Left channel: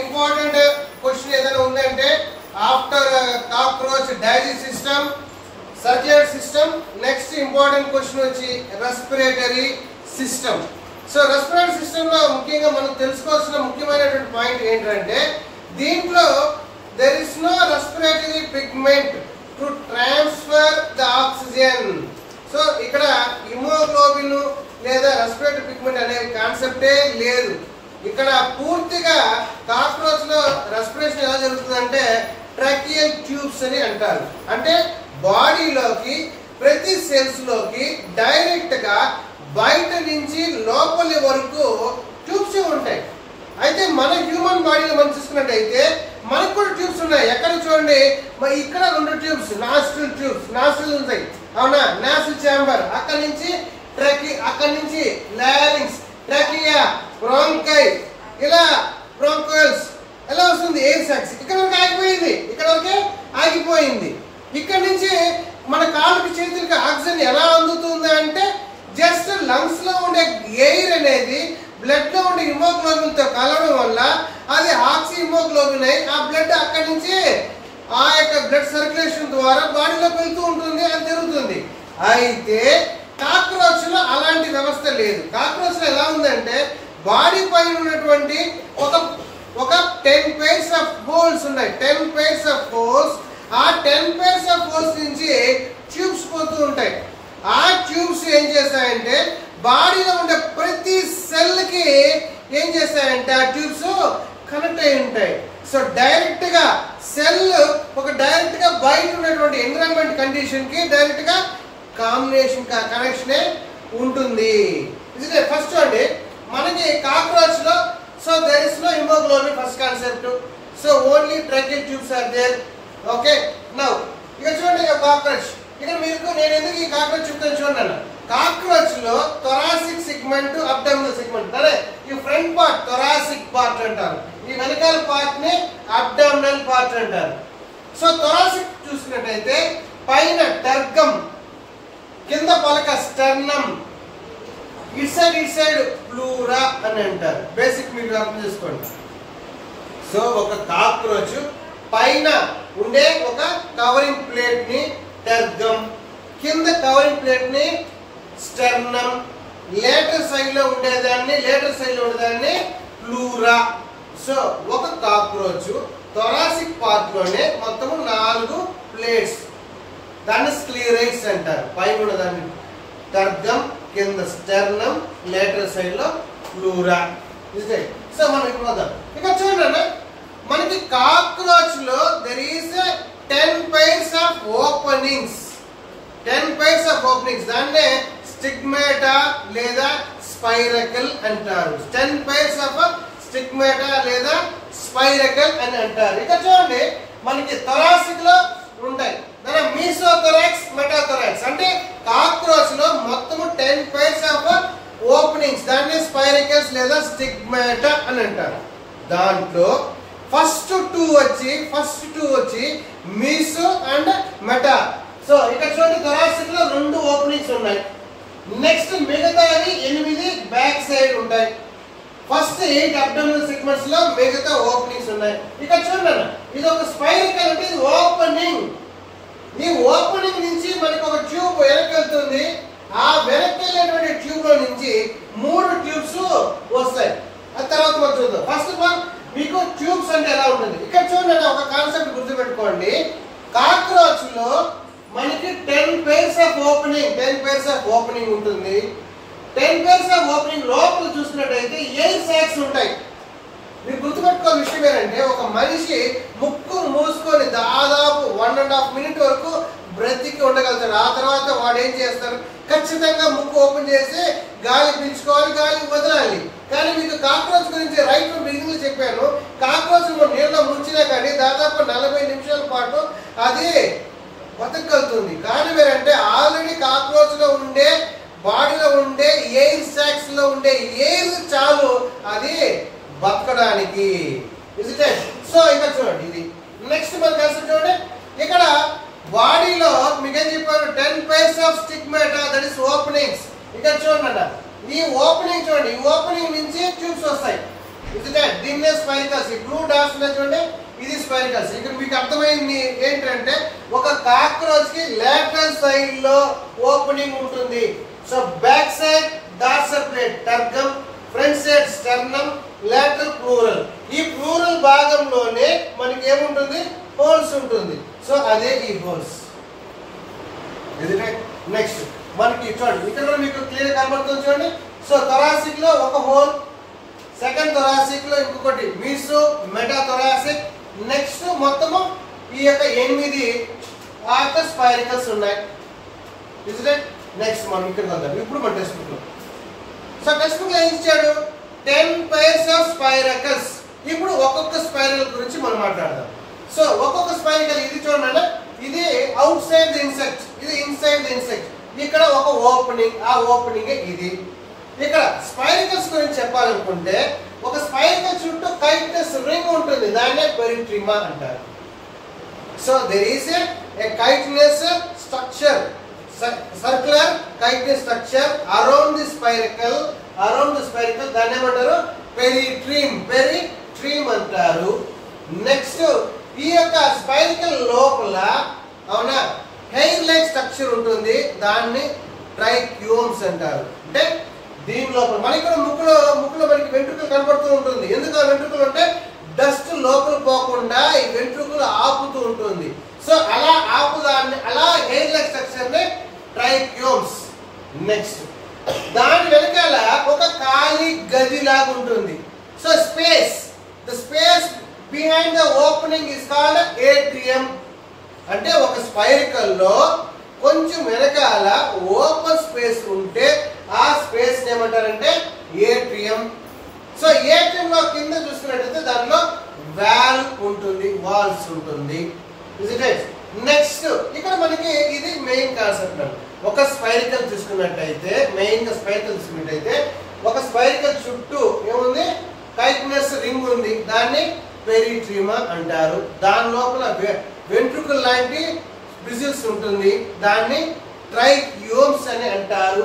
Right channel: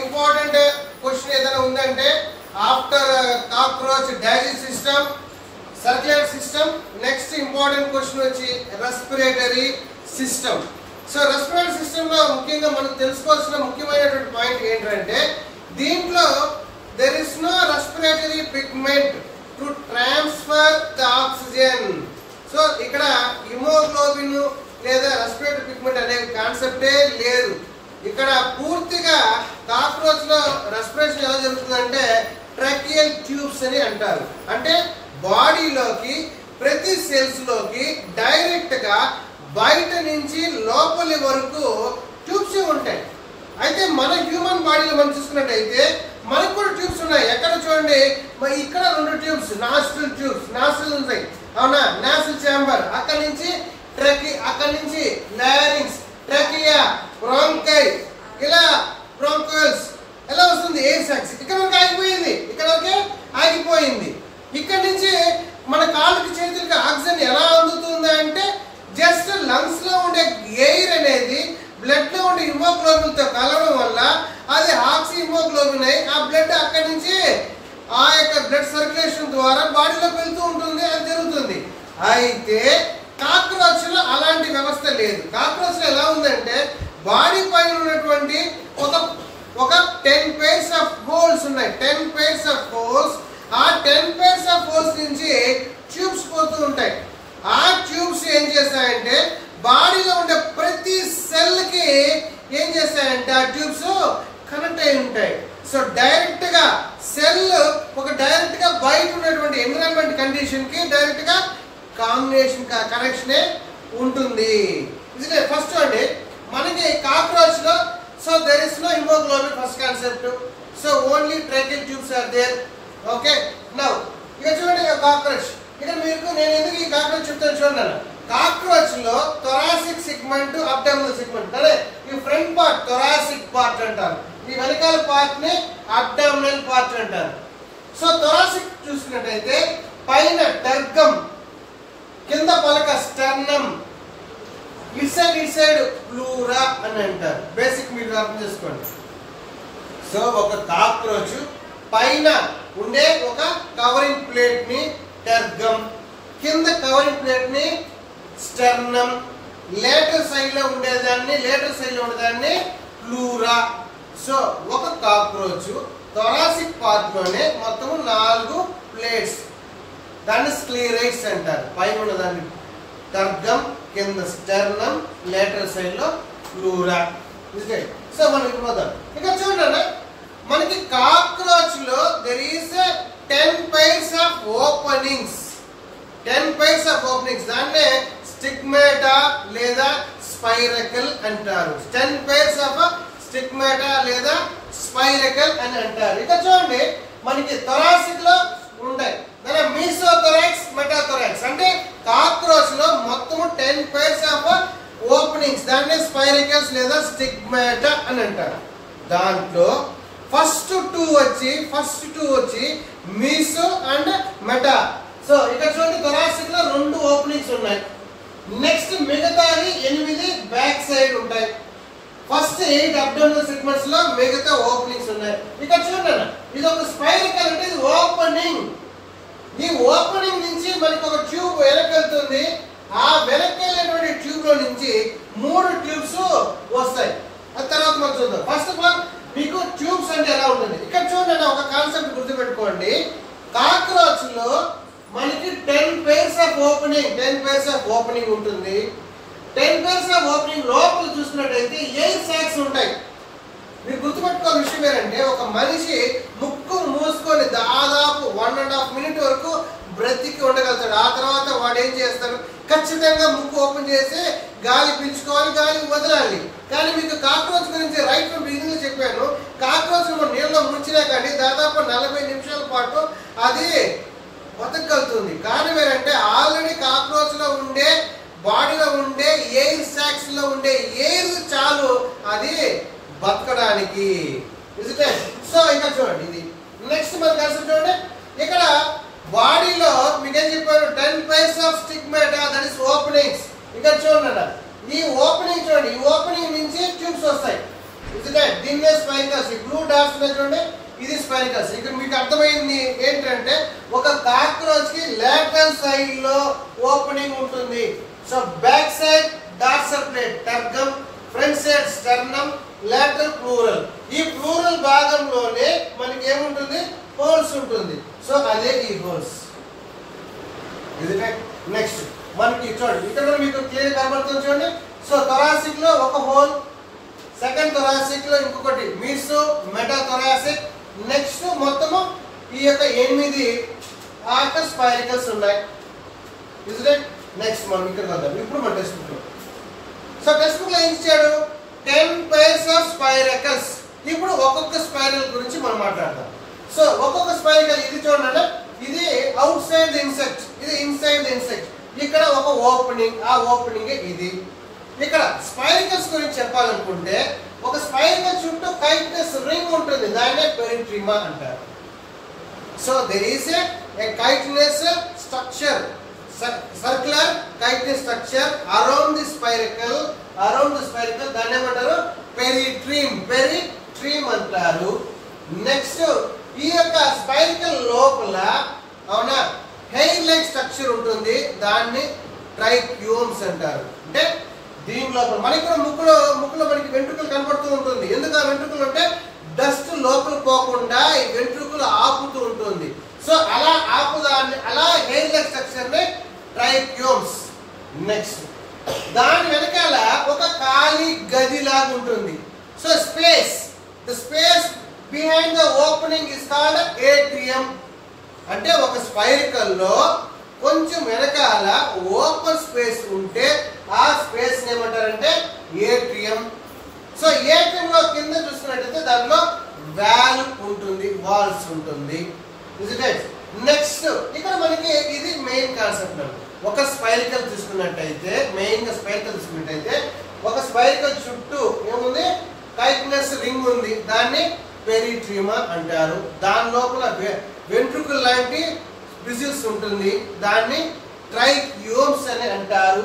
Important question ఏదైనా ఉందంటే after cockroach digest system, circulatory system, next important question వచ్చి respiratory system. So respiratory system లో ముఖ్యంగా మనం తెలుసుకోవాల్సిన ముఖ్యమైనటువంటి పాయింట్ ఏంటంటే దీంట్లో there is no respiratory pigment to transfer the oxygen. So ఇక్కడ హిమోగ్లోబిన్ లేదా రెస్పిరేటరీ పిగ్మెంట్ అనే కాన్సెప్టే లేదు. ఇక్కడ పూర్తిగా కాక్రోచ్ లో రెస్పిరేషన్ ఎలా జరుగుతుందంటే ట్రాకియల్ ట్యూబ్స్ అని అంటారు. అంటే బాడీలోకి ప్రతి సెల్స్ లోకి డైరెక్ట్ గా బయట నుంచి లోపలి వరకు ట్యూబ్స్ ఉంటాయి. అయితే మన హ్యూమన్ బాడీలో మనం చూసుకున్నట్టయితే మనకు కూడా ట్యూబ్స్ ఉన్నాయి. ఎక్కడ చూడండి, ఇక్కడ 2 ట్యూబ్స్, నాస్ట్రిల్ ట్యూబ్స్, నాస్ట్రిల్ ఉంటాయి అవునా, నాసిల్ ఛాంబర్, అక్కడ నుంచి అక్కడి నుంచి లారింగ్స్, ట్రకియా, బ్రాంకై, ఇలా బ్రాంకోల్స్ ఎలా వస్తుంది, ఎయిర్ సాక్స్ ఇక్కడ వరకు ఆగిపోయింది, ఇక్కడ వరకే ఆగిపోయింది. ఇక్కడ నుంచి మన కాళ్ళకి చేతులకి ఆక్సిజన్ ఎలా అందుతుంది అంటే జస్ట్ లంగ్స్ లో ఉండే ఎయిర్ అనేది బ్లడ్ లో ఉండే హిమోగ్లోబిన్ తో కలవడం వల్ల అది ఆక్సి హిమోగ్లోబిన్ అయి ఆ బ్లడ్ అక్కడి నుంచి ఆ యొక్క బ్లడ్ సర్క్యులేషన్ ద్వారా బాడీలోకి వెళ్తూ ఉంటుంది, అది జరుగుతుంది. అయితే కాక్రోచ్ లో అలాంటి వ్యవస్థ లేదు. కాక్రోచ్ లో ఎలా ఉందంటే బాడీ పైన ఉన్నటువంటి ఒక 10 pairs ఆఫ్ హోల్స్ ఉన్నాయి. 10 pairs ఆఫ్ హోల్స్, ఆ 10 pairs ఆఫ్ హోల్స్ నుంచి ట్యూబ్స్ పోతూ ఉంటాయి. ఆ ట్యూబ్స్ ఏం చేస్తాయంటే బాడీలో ఉండే ప్రతి సెల్ కి ఏం చేస్తాయంటే ఆ ట్యూబ్స్ కనెక్ట్ అయి ఉంటాయి. సో డైరెక్ట్ గా సెల్ డైరెక్ట్ గా బయట ఉన్నటువంటి ఎన్విరాన్మెంట్ కండిషన్ కి డైరెక్ట్ గా కాంబినేషన్ కనెక్షనే ఉంటుంది. ఇది ఫస్ట్ అండి మనకి కాక్రోచ్ లో so there is no haemoglobin, first concept. So only tracheal tubes are there. Okay, now ఇక చూడండి కాక్రోచ్. ఇక్కడ మీకు నేను ఎందుకు ఈ కాక్రోచ్ చెప్తాను చూడండి. కాక్రోచ్ లో థొరాసిక్ సెగ్మెంట్, అబ్డామినల్ సెగ్మెంట్, అదే ఈ ఫ్రంట్ పార్ట్ థొరాసిక్ పార్ట్ అంటారు, ఈ వెనకాల పార్ట్ ని అబ్డామినల్ పార్ట్ అంటారు. సో థొరాసిక్ చూసినట్టయితే పైన టర్గమ్, కింద పలక స్టర్నమ్, ఇట్ సైడ్ ప్లూరా అని అంటారు. బేసిక్ మీరు అర్థం చేసుకోండి. సో ఒక కాక్రోచ్ పైన ఉండే ఒక కవరింగ్ ప్లేట్ ని టర్గమ్, కింద కవరింగ్ ప్లేట్ ని స్టర్నమ్, లేటర్ సైడ్ లో ఉండేదాన్ని ప్లూరా. సో ఒక కాక్రోచ్ థొరాసిక్ పార్ట్ లోనే మొత్తం 4 ప్లేట్స్, దాన్ని స్క్లీరైడ్స్ అంటారు. పైన ఉన్నదాన్ని టర్గమ్, కింద స్టర్నమ్, లేటర్ సైడ్ లో ప్లూరా. సో మనం ఇప్పుడు ఇక్కడ చూడండి, మనకి కాక్రోచ్ లో there is 10 pairs of openings. 10 pairs of openings దాన్నే స్టిగ్మాటా లేదా స్పైరకల్ అంటారు. 10 pairs ఆఫ్ స్టిగ్మాటా లేదా స్పైరకల్ అని అంటారు. ఇక్కడ చూడండి మనకి థొరాసిక్ లో ఉంటాయి, మీసోథొరాక్స్, మెటాథొరాక్స్. అంటే కాక్రోచ్ లో మొత్తం 10 pairs ఆఫ్ ఓపెనింగ్స్, దాన్ని స్పైరకల్స్ లేదా స్టిగ్మాటా అని అంటారు. దాంట్లో ఫస్ట్ టూ వచ్చి మీసో అండ్ మెటా. సో ఇక్కడ చూడండి థొరాసిక్ లో 2 ఓపెనింగ్స్ ఉన్నాయి. నెక్స్ట్ మిగతావి 8 బ్యాక్ సైడ్ ఉంటాయి. ఫస్ట్ 8 అబ్డామినల్ సెగ్మెంట్స్ లో మిగతా ఓపెనింగ్స్ ఉన్నాయి. ఇక్కడ చూడండి ఇది ఒక స్పైరకల్, అంటే ఇది ఓపెనింగ్. ఈ ఓపెనింగ్ నుంచి మనకి ఒక ట్యూబ్ వెనక్కి వెళ్తుంది. ఆ వెనక్కి వెళ్ళేటువంటి ట్యూబ్ లో నుంచి 3 ట్యూబ్స్ వస్తాయి. ఆ తర్వాత మనం చూద్దాం. ఫస్ట్ ఆఫ్ ఆల్ మీకు ట్యూబ్స్ అంటే ఎలా ఉంటుంది ఇక్కడ చూడండి. ఒక కాన్సెప్ట్ గుర్తుపెట్టుకోండి, కాక్రోచ్ లో మనకి 10 pairs ఆఫ్ ఓపెనింగ్ ఉంటుంది. 10 pairs ఆఫ్ ఓపెనింగ్ లోపల చూసినట్టయితే ఎయిర్ సాక్స్ ఉంటాయి. మీరు గుర్తుపెట్టుకో విషయం ఏంటంటే ఒక మనిషి ముక్కును మూసుకొని దాదాపు 1.5 minutes వరకు బ్రతికి ఉండగలుగుతాడు. ఆ తర్వాత వాడు ఏం చేస్తారు, ఖచ్చితంగా ముక్కు ఓపెన్ చేసి గాలి పీల్చుకోవాలి, గాలి వదలాలి. కానీ మీకు కాక్రోచ్ గురించి రైట్ ఫ్రమ్ బిగినింగ్ లో చెప్పాను, కాక్రోచ్ నీళ్ళలో ముంచినా కానీ దాదాపు 40 నిమిషాల పాటు అది బతకగలుగుతుంది. కానీ మీరంటే ఆల్రెడీ కాక్రోచ్ లో ఉండే బాడీలో ఉండే ఎయిర్ సాక్స్ లో ఉండే ఎయిర్ చాలు అది బతకడానికి. సో ఇంకా చూడండి ఇది నెక్స్ట్ మన కాన్సెప్ట్ చూడండి. ఇక్కడ బాడీలో మీకేం చెప్పారు, 10 pairs of stigmata, that is openings. ఇక్కడ చూడండి ఈ ఓపెనింగ్ చూడండి, ఈ ఓపెనింగ్ నుంచి ట్యూబ్స్ వస్తాయి. దీన్నే స్పైరికల్స్. ఈ బ్లూ డాట్స్ చూడండి, ఇది స్పైరికల్స్. ఇక్కడ మీకు అర్థమైంది ఏంటంటే ఒక కాక్రోచ్ కి లేటరల్ సైడ్ లో ఓపెనింగ్ ఉంటుంది. So back side dorsal plate tergum, front side sternum, lateral pleural. ఈ ప్లూరల్ భాగంలోనే మనకి ఏముంటుంది, హోల్స్ ఉంటుంది. సో అదే ఈ హోల్స్. నెక్స్ట్ మనకి చూడండి, ఇక్కడ మీకు క్లియర్ కనబడుతుంది చూడండి. సో థొరాసిక్ లో ఒక హోల్, సెకండ్ థొరాసిక్ లో ఇంకొకటి మీసో మెటా థొరాసిక్. నెక్స్ట్ మొత్తము ఈ యొక్క 8 ఆ యొక్క స్పైరికల్స్ ఉన్నాయి. నెక్స్ట్ మనం ఇక్కడ వద్దాం. ఇప్పుడు మన టెక్స్ట్ బుక్ లో, సో టెక్స్ట్ బుక్ లో ఏం ఇచ్చాడు, 10 pairs of spiracles. ఇప్పుడు ఒక్కొక్క స్పైరల్ గురించి మనం మాట్లాడదాం. సో ఒక్కొక్క స్పైరికల్, ఇది చూడండి, ఇది అవుట్ సైడ్ ది ఇన్సెక్ట్, ఇది ఇన్సైడ్ ది ఇన్సెక్ట్. ఇక్కడ ఒక ఓపెనింగ్, ఆ ఓపెనింగ్ ఇది. ఇక్కడ స్పైరికల్స్ గురించి చెప్పాలనుకుంటే ఒక స్పైరికల్ చుట్టూ కైట్నెస్ రింగ్ ఉంటుంది, దాన్నే పెరిట్రిమా అంటారు. So there is a chitinous structure, circular chitinous structure around the spiracle, దాన్ని ఏమంటారు, పెరిట్రిమ్ అంటారు. నెక్స్ట్ ఈ యొక్క స్పైరికల్ లోపల అవునా హెయిర్ లైక్ స్ట్రక్చర్ ఉంటుంది, దాన్ని ట్రైక్యూమ్స్ అంటారు. అంటే దీని లోపల మన ఇక్కడ ముక్కులో మనకి వెంట్రుకలు కనపడుతూ ఉంటుంది. ఎందుకు ఆ వెంట్రుకలు అంటే డస్ట్ లోపల పోకుండా ఈ వెంట్రుకలు ఆపుతూ ఉంటుంది. సో అలా ఆపుదాన్ని, అలా హెయిర్ లైక్ స్ట్రక్చర్ ని ట్రైక్యూమ్స్. నెక్స్ట్ దాని వెనకాల ఒక ఖాళీ గది లాగా ఉంటుంది. So the space behind the opening is called atrium. అంటే ఒక స్పైరికల్ లో కొంచెం వెనకాల ఓపెన్ స్పేస్ ఉంటే ఆ స్పేస్ ఏమంటారంటే ఏట్రియం. సో ఏట్రియం లో కింద చూసుకున్నట్లయితే దానిలో వాల్వ్ ఉంటుంది, వాల్స్ ఉంటుంది. నెక్స్ట్ ఇక్కడ మనకి ఇది మెయిన్ కాన్సెప్ట్. ఒక స్పైరికల్ చూసుకున్నట్టయితే, మెయిన్ గా స్పైరికల్ చూసుకున్నట్టయితే ఒక స్పైరికల్ చుట్టూ ఏముంది, కైట్నెస్ రింగ్ ఉంది, దాన్ని పెరిట్రిమా అంటారు. దాని లోపల వెంట్రుకల్ లాంటి బ్రిజిల్స్ ఉంటుంది, దాన్ని ట్రైక్యూమ్స్ అని అంటారు.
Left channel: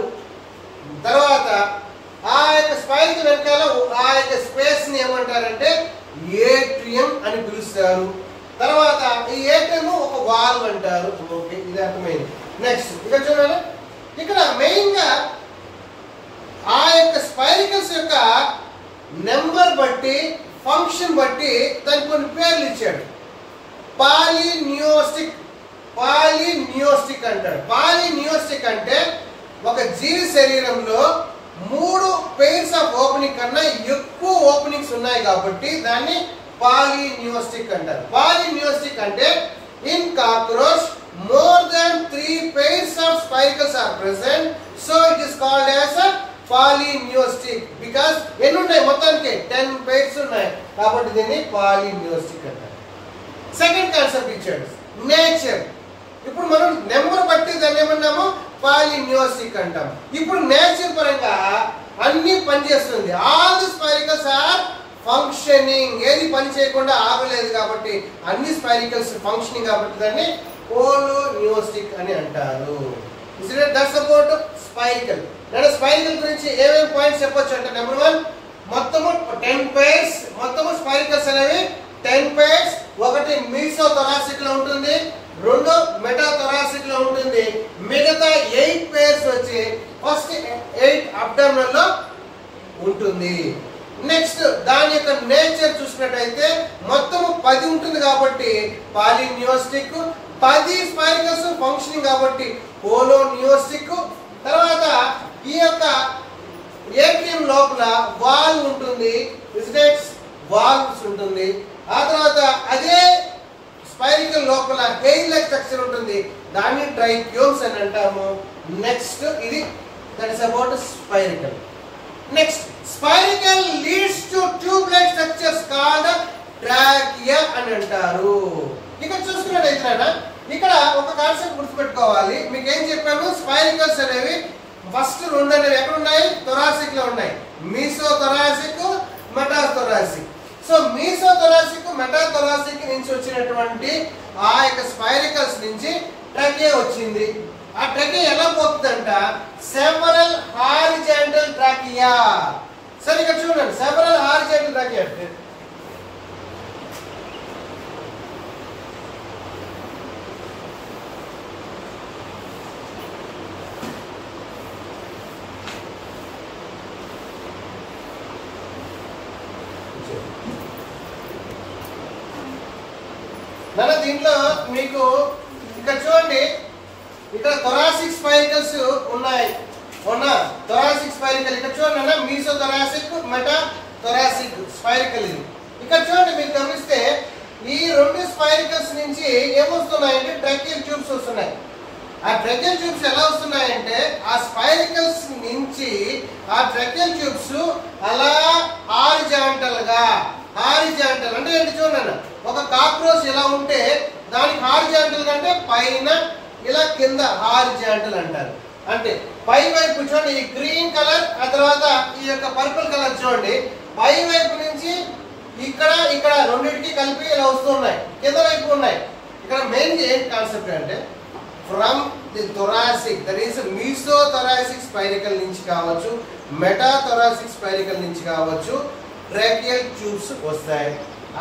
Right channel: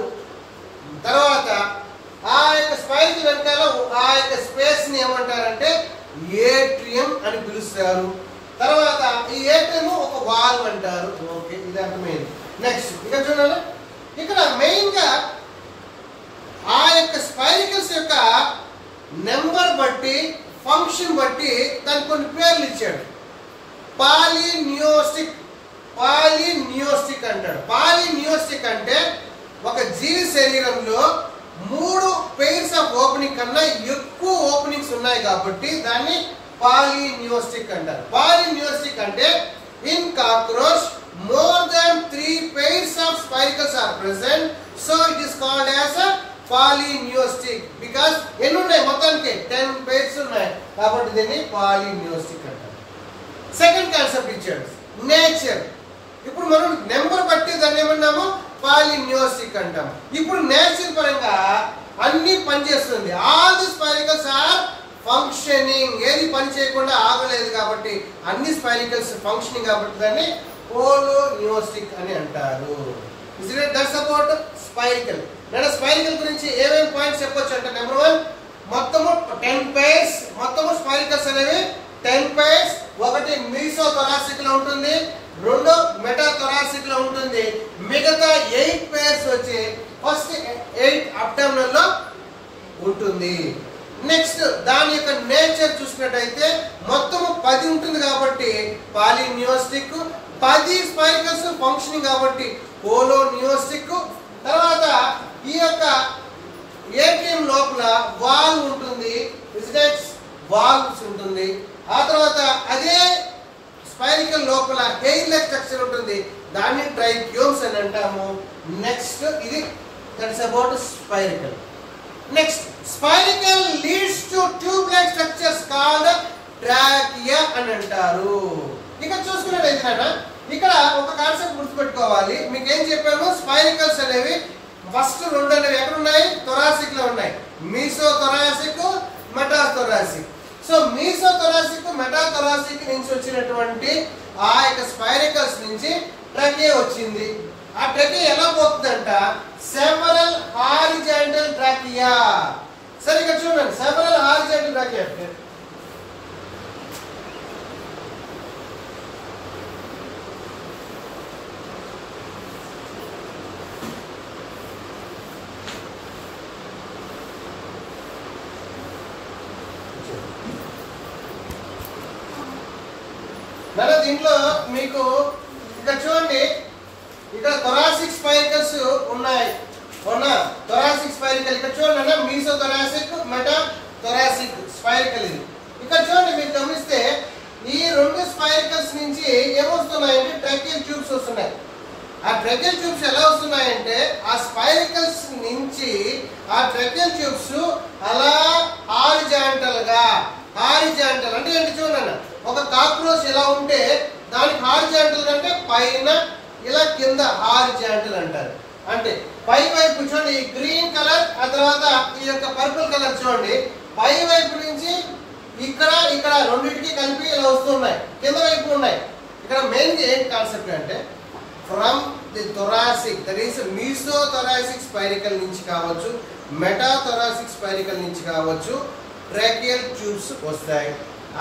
తర్వాత ఆ యొక్క స్పైరికల్ వెనకాల ఆ యొక్క స్పేస్ ని ఏమంటారంటే ఏట్రియం అని పిలుస్తారు. తర్వాత ఈ ఏట్రియం ఒక వాల్వ్ అంటారు. ఓకే, ఇది అర్థమైంది. నెక్స్ట్ ఇక్కడ చూడండి, ఇక్కడ మెయిన్ గా ఆ యొక్క స్పైరికల్స్ యొక్క నెంబర్ బట్టి, ఫంక్షన్ బట్టి దానికి కొన్ని పేర్లు ఇచ్చాడు. పాలినియోస్టిక్ అంటాడు. పాలినియోస్టిక్ అంటే ఒక జీవి శరీరంలో 3 pairs ఆఫ్ ఓపెనింగ్ కన్నా ఎక్కువ ఓపెనింగ్స్ ఉన్నాయి కాబట్టి దాన్ని పాలినియోస్టిక్ అంటారు. పాలినియోస్టిక్ అంటే in cockroach more than 3 pairs of spiracles are present, so it is called as a polyneostic. Because ఎన్ని ఉన్నాయి మొత్తానికి 10 pairs ఉన్నాయి కాబట్టి దీన్ని పాలినియోస్టిక్ అంటారు. సెకండ్ కాన్సెప్ట్ ఇచ్చాడు, నేచర్. ఇప్పుడు మనం నెంబర్ బట్టి దాన్ని ఏమన్నాము, పాలినియోస్టిక్ అంటాం. ఇప్పుడు నేచర్ పరంగా అన్ని పనిచేస్తుంది. All the spiracles are functioning. ఏది పని చేయకుండా ఆగలేదు కాబట్టి అన్ని స్పైరికల్స్ ఫంక్షనింగ్ కాబట్టి దాన్ని పోలోనియోస్టిక్ అని అంటారు. That's about spiracle. నేను స్పైరికల్ గురించి ఏమేమి పాయింట్స్ చెప్పొచ్చు అంటే, నెంబర్ 1 మొత్తము 10 pairs, మొత్తము స్పైరికల్స్ అనేవి 10 pairs. ఒకటి మీసో థొరాసిక్ లో ఉంటుంది, 2 మెటా థొరాసిక్ లో ఉంటుంది. మిగతా 8 pairs వచ్చి ఫస్ట్ 8 అబ్డామినల్ లో ఉంటుంది. నెక్స్ట్ దాని యొక్క నేచర్ చూసుకున్నట్టయితే మొత్తము 10 ఉంటుంది కాబట్టి పాలినియోస్టిక్, 10 స్పైరికల్స్ ఫంక్షనింగ్ కాబట్టి పోలోనియోస్టిక్. తర్వాత ఈ యొక్క ఏట్రియం లోపల వాల్వ్ ఉంటుంది, వాల్వ్స్ ఉంటుంది. ఆ తర్వాత అదే స్పైరికల్ లోపల హెయిర్ లైక్ స్ట్రక్చర్ ఉంటుంది, దాన్ని ట్రైక్యూమ్స్ అని అంటాము. నెక్స్ట్ ఇది that is about spiracle. Next spiracle leads to tube like structures called trachea అని అంటారు. ఇక్కడ చూసుకున్నట్టయితే ఇక్కడ ఒక కాన్సెప్ట్ గుర్తుపెట్టుకోవాలి. మీకు ఏం చెప్పాను, స్పైరికల్స్ అనేవి ఫస్ట్ 2 అనేవి ఎక్కడ ఉన్నాయి, థొరాసిక్ లో ఉన్నాయి. Mesothoracic, metathoracic. So mesothoracic, metathoracic నుంచి వచ్చినటువంటి ఆ యొక్క స్పైరికల్స్ నుంచి ట్రకియా వచ్చింది. ఆ ట్రకియా ఎలా పోతుందంట, సెవరల్ హారిజాంటల్ ట్రకియా. సరే ఇక్కడ చూడండి, సెవరల్ హారిజాంటల్ ట్రకియా అంటే మన దీంట్లో మీకు ఇక్కడ చూడండి, ఇక్కడ థొరాసిక్ స్పైరికల్స్ ఉన్నాయి. థొరాసిక్ స్పైరికల్ ఇక్కడ చూడండి, మీసో థొరాసిక్, మెటా థొరాసిక్ స్పైరికల్ ఇది. ఇక్కడ చూడండి, మీరు గమనిస్తే ఈ రెండు స్పైరికల్స్ నుంచి ఏమొస్తున్నాయంటే ట్రకియల్ ట్యూబ్స్ వస్తున్నాయి. ఆ ట్రకియల్ ట్యూబ్స్ ఎలా వస్తున్నాయంటే ఆ స్పైరికల్స్ నుంచి ఆ ట్రకియల్ ట్యూబ్స్ అలా హారిజాంటల్ అంటే ఏంటి చూడండి, ఒక కాక్రోచ్ ఎలా ఉంటే దానికి హారిజాంటల్ అంటే పైన ఇలా కింద హారిజాంటల్ అంటారు. అంటే పై వైపు చూడండి ఈ గ్రీన్ కలర్, ఆ తర్వాత ఈ యొక్క పర్పుల్ కలర్ చూడండి, పై వైపు నుంచి ఇక్కడ రెండింటికి కలిపి ఇలా వస్తున్నాయి, కింద వైపు ఉన్నాయి. ఇక్కడ మెయిన్ ఏంటి కాన్సెప్ట్ అంటే from the thoracic, that is mesothoracic spiracle నుంచి కావచ్చు, మెటా థొరాసిక్ స్పైరికల్ నుంచి కావచ్చు, ట్రాకియల్ ట్యూబ్స్ వస్తాయి.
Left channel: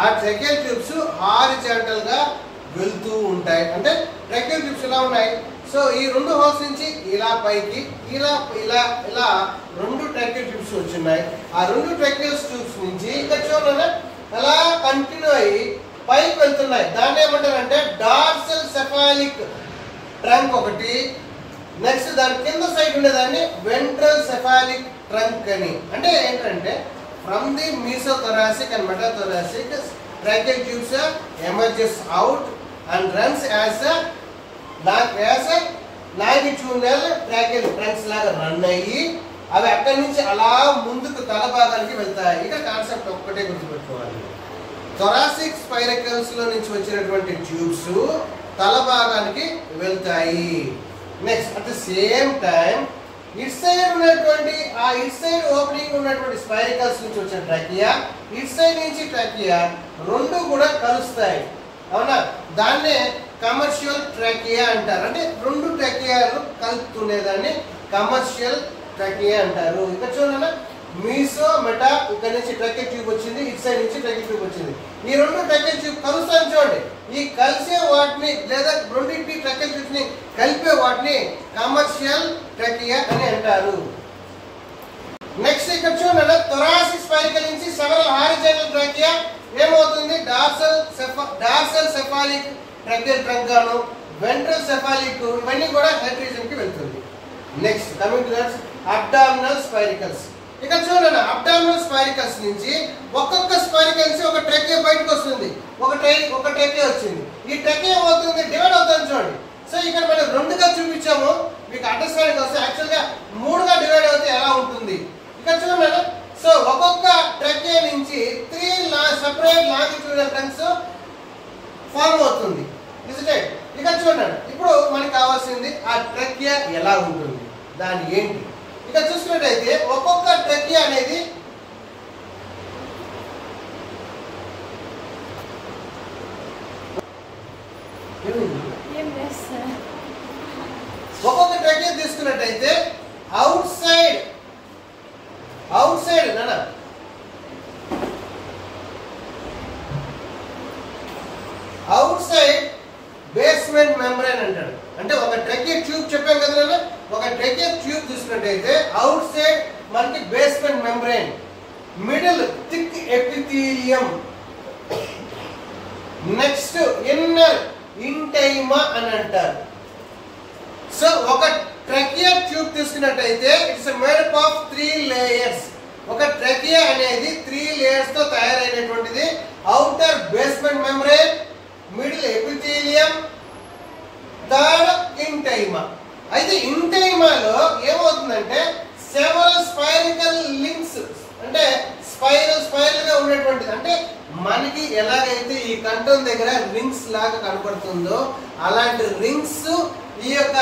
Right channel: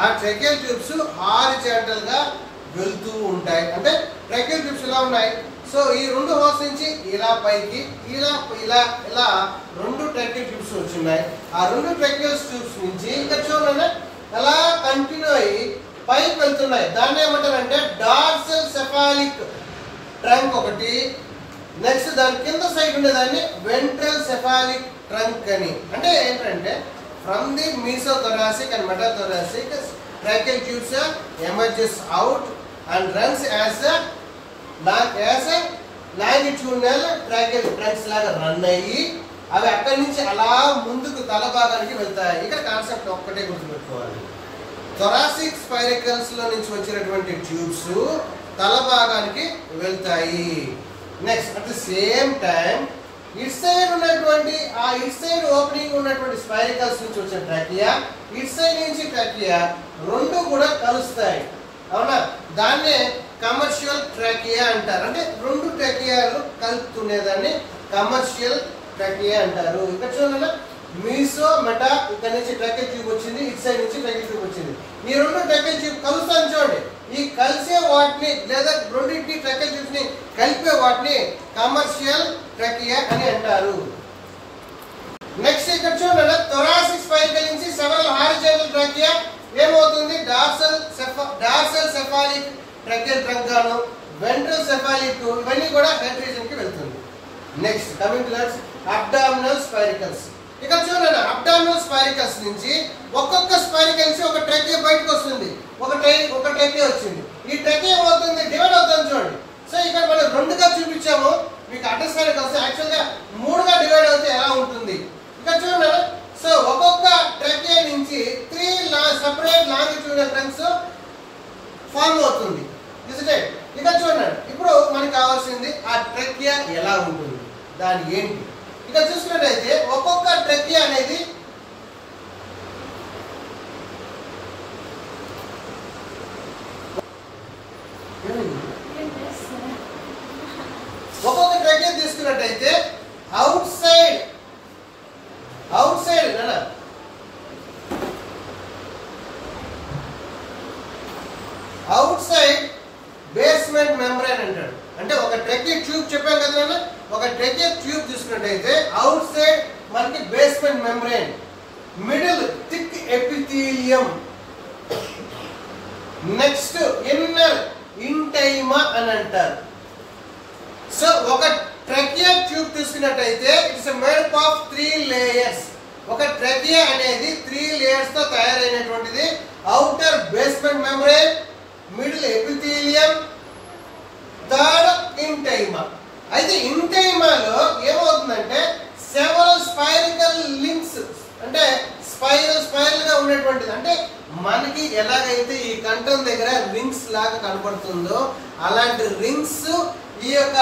ఆ ట్రాకియల్ ట్యూబ్స్ హారిజాంటల్ గా వెళ్తూ ఉంటాయి. అంటే ట్రాకియల్ ట్యూబ్స్ ఎలా ఉన్నాయి, సో ఈ రెండు హోల్స్ నుంచి ఇలా పైకి ఇలా ఇలా ఇలా రెండు ట్రాకియల్ ట్యూబ్స్ వచ్చున్నాయి. ఆ రెండు ట్రాకియల్ ట్యూబ్స్ నుంచి ఇక్కడ చూడండి అలా కంటిన్యూ అయ్యి పైకి వెళ్తున్నాయి. దాన్ని ఏమంటారంటే డార్సల్ సెఫాలిక్ ట్రంక్ ఒకటి, నెక్స్ట్ దాని కింద సైడ్ ఉండేదాన్ని వెంట్రల్ సెఫాలిక్ ట్రంక్ అని. అంటే ఏంటంటే from the mesothoracic and metathoracic tracheal tubes emerges out and runs as longitudinal tracheal trunks లాగా రన్ అయ్యి అవి అక్కడి నుంచి అలా ముందుకు తల భాగానికి వెళ్తాయి. ఇక్కడ కాన్సెప్ట్ ఒక్కటే గుర్తుపెట్టుకోవాలి, థొరాసిక్ స్పైరికల్స్ లో నుంచి వచ్చినటువంటి ట్యూబ్స్ తల భాగానికి వెళ్తాయి. Next at the same time it side ఉన్నటువంటి ఆ ఇట్ సైడ్ ఓపెనింగ్ ఉన్నటువంటి స్పైరికల్స్ నుంచి వచ్చిన ట్రాకియా, ఇట్ సైడ్ నుంచి ట్రాకియా రెండు కూడా కలుస్తాయి. అవునా, దాన్నే కమర్షియల్ ట్రాకియా అంటారు. అంటే రెండు ట్రాకియాలు కలుపుతుండేదాన్ని కమర్షియల్ ట్రాకియా అంటారు. ఇక్కడ చూడండి మీసో మెటా, ఇక్కడ నుంచి ట్రాకియల్ ట్యూబ్ వచ్చింది, ఇట్ సైడ్ నుంచి ట్రాకియల్ ట్యూబ్ వచ్చింది. ఈ రెండు ట్రాకియల్ ట్యూబ్ కలుస్తాను చూడండి, ఈ కలిసే వాటిని లేదా రెండింటిని ట్రాకియల్ ట్యూబ్స్ ని కలిపే వాటిని కమర్షియల్ ట్రాకియా అని అంటారు. నెక్స్ట్ ఇక్కడ చూడండి థొరాసిక్ స్పైరికల్ నుంచి సెవెరల్ హారిజాంటల్ ట్రాకియా ఏమవుతుంది, డార్సల్ సెఫాలిక్ ట్రాకియల్ ట్రంక్ గాను, వెంట్రల్ సెఫాలిక్ ఇవన్నీ కూడా హెడ్ రీజన్ కి వెళ్తుంది. Next coming to abdominal spiracles. ఇక్కడ చూడండి అబ్డామినల్ స్పైరికల్స్ నుంచి ఒక్కొక్క స్పైరికల్ నుంచి ఒక ట్రాకియా బయటకు వస్తుంది, ఒక ట్రాకియా వచ్చింది. ఈ ట్రాకియా ఏమవుతుంది, డివైడ్ అవుతుంది చూడండి. సో ఇక్కడ మనం రెండుగా చూపించాము, మీకు అండర్స్టాండింగ్ వస్తే యాక్చువల్ గా మూడుగా డివైడ్ అవుతే ఎలా ఉంటుంది ఇక్కడ చూడండి. సో ఒక్కొక్క ట్రాకియా నుంచి 3 సెపరేట్ లాంగిట్యూడినల్ ట్రంక్స్ ఫార్మ్ అవుతుంది. ఇక్కడ చూడండి, ఇప్పుడు మనకి కావాల్సింది ఆ ట్రాకియా ఎలా ఉంటుంది, దాని ఏంటి. ఇక్కడ చూసుకున్నట్టయితే ఒక్కొక్క ట్రాకియా అనేది తీసుకున్నట్టయితే అవుట్ సైడ్ బేస్మెంట్ మెంబ్రేన్ అంటాడు. అంటే ఒక ట్రాకియా ట్యూబ్ చెప్పాం కదా, ఒక ట్రాకియా ట్యూబ్ తీసుకున్నట్టయితే అవుట్ సైడ్ మనకి basement membrane, middle thick epithelium, next inner intima అని అంటారు. సో ఒక ట్రాకియా ట్యూబ్ తీసుకున్నట్టయితే it's made up of 3 layers. ఒక ట్రాకియా అనేది 3 లేయర్స్ తో తయారైనటువంటిది. Outer basement membrane, middle epithelium, third intima. అయితే ఇంటైమాలో ఏమవుతుందంటే సెవరల్ స్పైరికల్ లింక్స్, అంటే స్పైరల్ గా ఉండేటువంటిది. అంటే మనకి ఎలాగైతే ఈ కంఠం దగ్గర రింగ్స్ లాగా కనపడుతుందో అలాంటి రింగ్స్ ఈ యొక్క